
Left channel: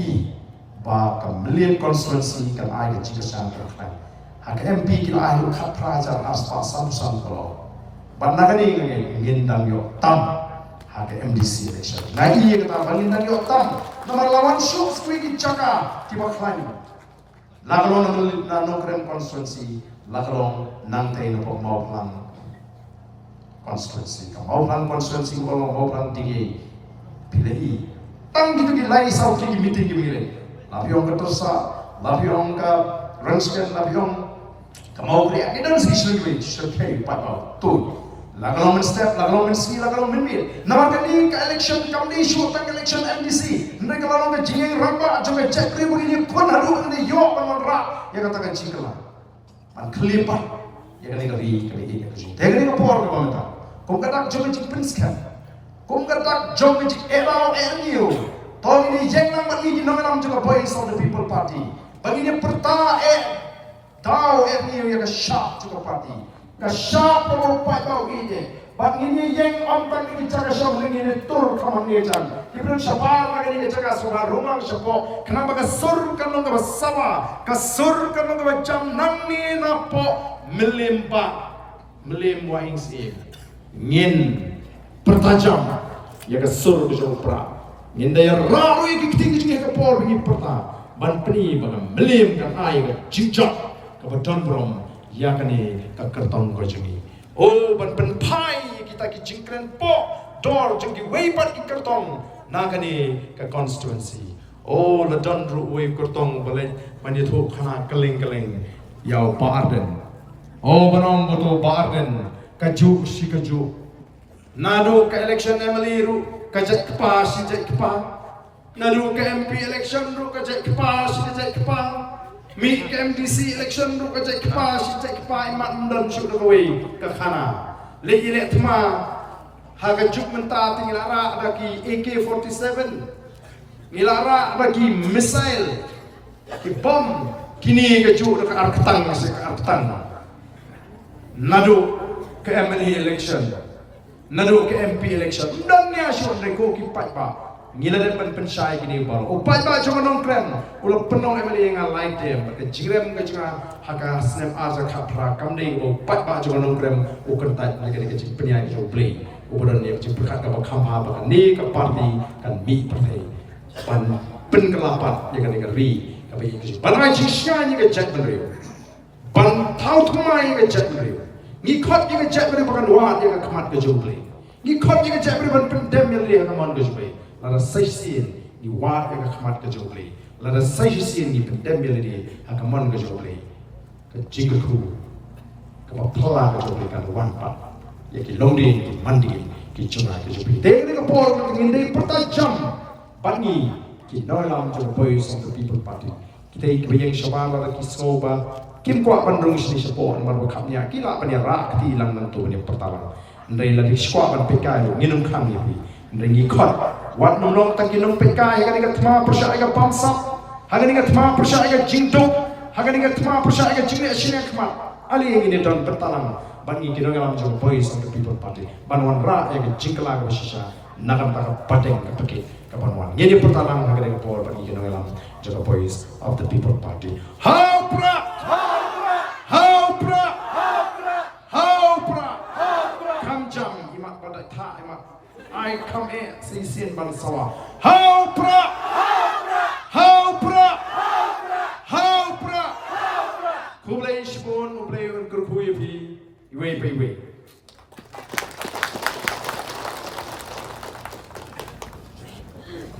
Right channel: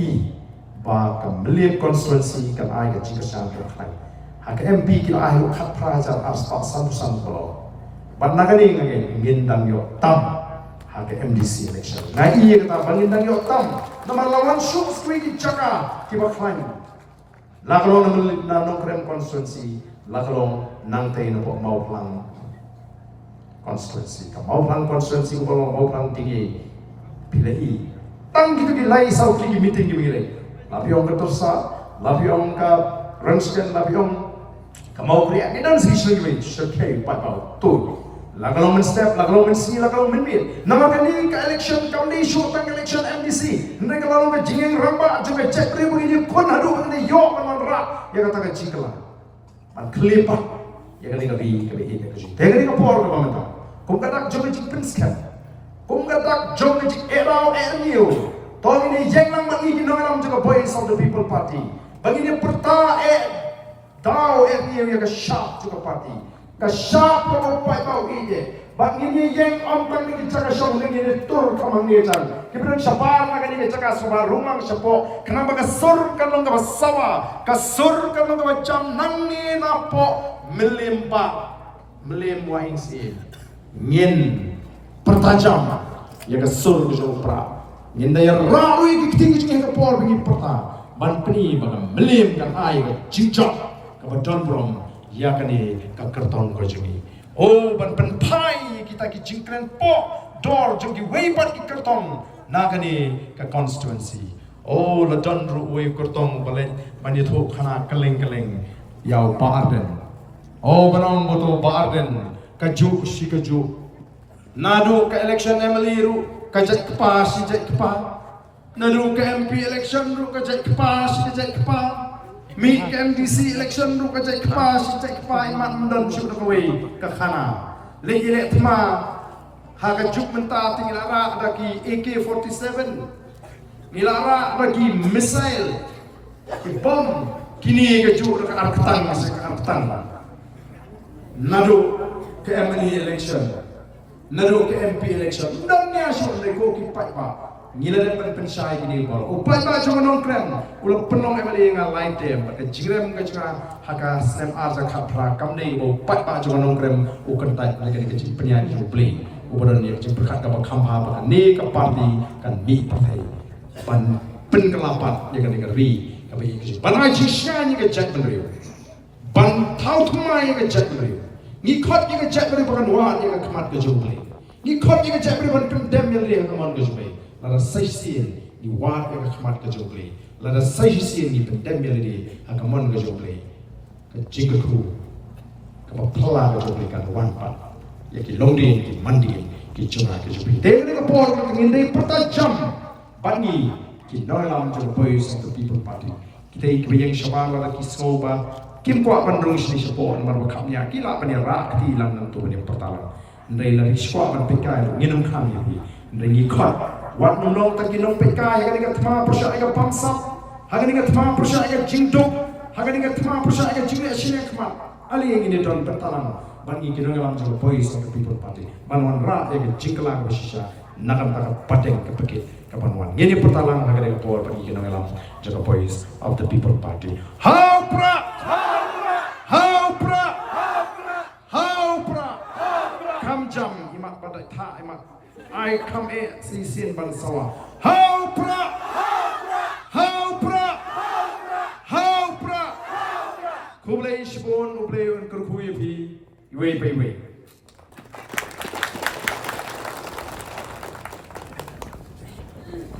ba Kamalian constituency kan ai ke jingkesan kan. Hak MP kila ai khat prajar aspa sam kalau. Ban nagani ngindang yo tam hak MDC election. Nah kata ngindang yo tam. Nomor lawan syuk skui ki jaka ki ba klan. Lakalong na nongkrem constituency, lakalong nang tay no mau plan constituency, mau plan constituency kalau mau plan tinggi pilih tang gitu gilai sau tinggi meeting gitu gilai lapiong ketersa lapiong ke rangsken lapiong mau kriak ni dan segi lagi sekai patau tu lagalong men step lagalong men si lagalong men mil nomor kali ke election kami show tang election MDC hendak kalau ke jingeng ramba juga cek kri begini kon hadu begini yo kan ra ya kata ke jingkela man kelipat ya kan ngari ke behi ke jing tegari ke por ke pamenta kum kadak jom jing prinskan kum kadak jom jing erau erniu tong ini jeng nang mani di nongalam juga Voice of the People Party begini perta tau erniu ya ke sharp juga party ke sharp ko pai kau ide begini jeng om tang ni jaga syong ni tur kamang ni jang ibran syapar lagi ni jaga subar rumang syapo kenapa ke sur kalong ke sawa ke sur kalong ke jam nang ni napo melimpa melimwahing si ngin pertajam ya ke sur ke jopra ngin daya raru ya ke tinggi tinggi ke pol begini perta ban peni baga melim kan ai ke jinjak ke badon brom ya kani ke kertong ko jengi oh ban pen pai kita ki jingkren po dor jengi weipat ki kertong na kani ke constituency oh la don ru wei kertong balik mani thu khana keleng yau pa arden oh banong boto pa arden kaju si kaju nadu ke election MLA ru kajat kepa si jat kepa nadu ke MP election ru kajat kepa si jat kepa mi ke MDC election ru kajat kepa si jat kepa iman mendon syuk dakawai ke khana le ile thma ha kajuk menta tingilara daki AK47 nilara bagi missile ki bom kini kaju dekat arketang masih ke arketang nadu ke MLA election nadu ke MP election dan ni asyur neko ki patba ngila depan pensai gini baru patba jangan nongkrem ulah penong MLA yang lain dem ke jingrem ke jangan haka snem arza kapra kamdei patba jangan nongkrem ukertai lagi ke penyan jo play uberan ni je berkat ke khamha ba ni ke parti kan mi partai pan penkelapat ya kan ngeri ke bi ban ai jisya ni ke jat beriu ban tau thumai ke jat beriu ni khot ni ke jat beriu bakan wa ni ke khamat ke jo play ni khot ni ke jat beriu ban pendem yang dia kaman ke jo play lara saisin ni wat ka khmat ka joble la da sai si ni pendem melody akamon ka joble ka jing ku ka pa phala ka joble kan wan pa ya ki longdi ki mandi ki chunga ka joble te ka por ka ngin dei pata jam pani ki noi lam jo boys of the people party kita ki yang shabala la ki soba kim kwa bandung sini support mar ba khamya ki la pania ra ki lang nang tu ni pertalang ndai la ki squad ban pekai nginum kham ni ndai ni khot wat nong ta ki nong pekai ha ga thma prasha ga pamsa ha ga thma prasha ga jingdo ha ga thma prasha ga jingre asine khma ali ini don pertalang ban ni ki nong lam jo boys of the people party ban wan ra ya ga jingla ga shisha nakam ta pateng ka pakit ka ban wan ngini pertalang ha ga por ban ni ki nong lam jo boys of the people party how pra jam imak pada tha imak I come here si sin ban sawa how pra kublai shibon ublai un kurkhui phi iwe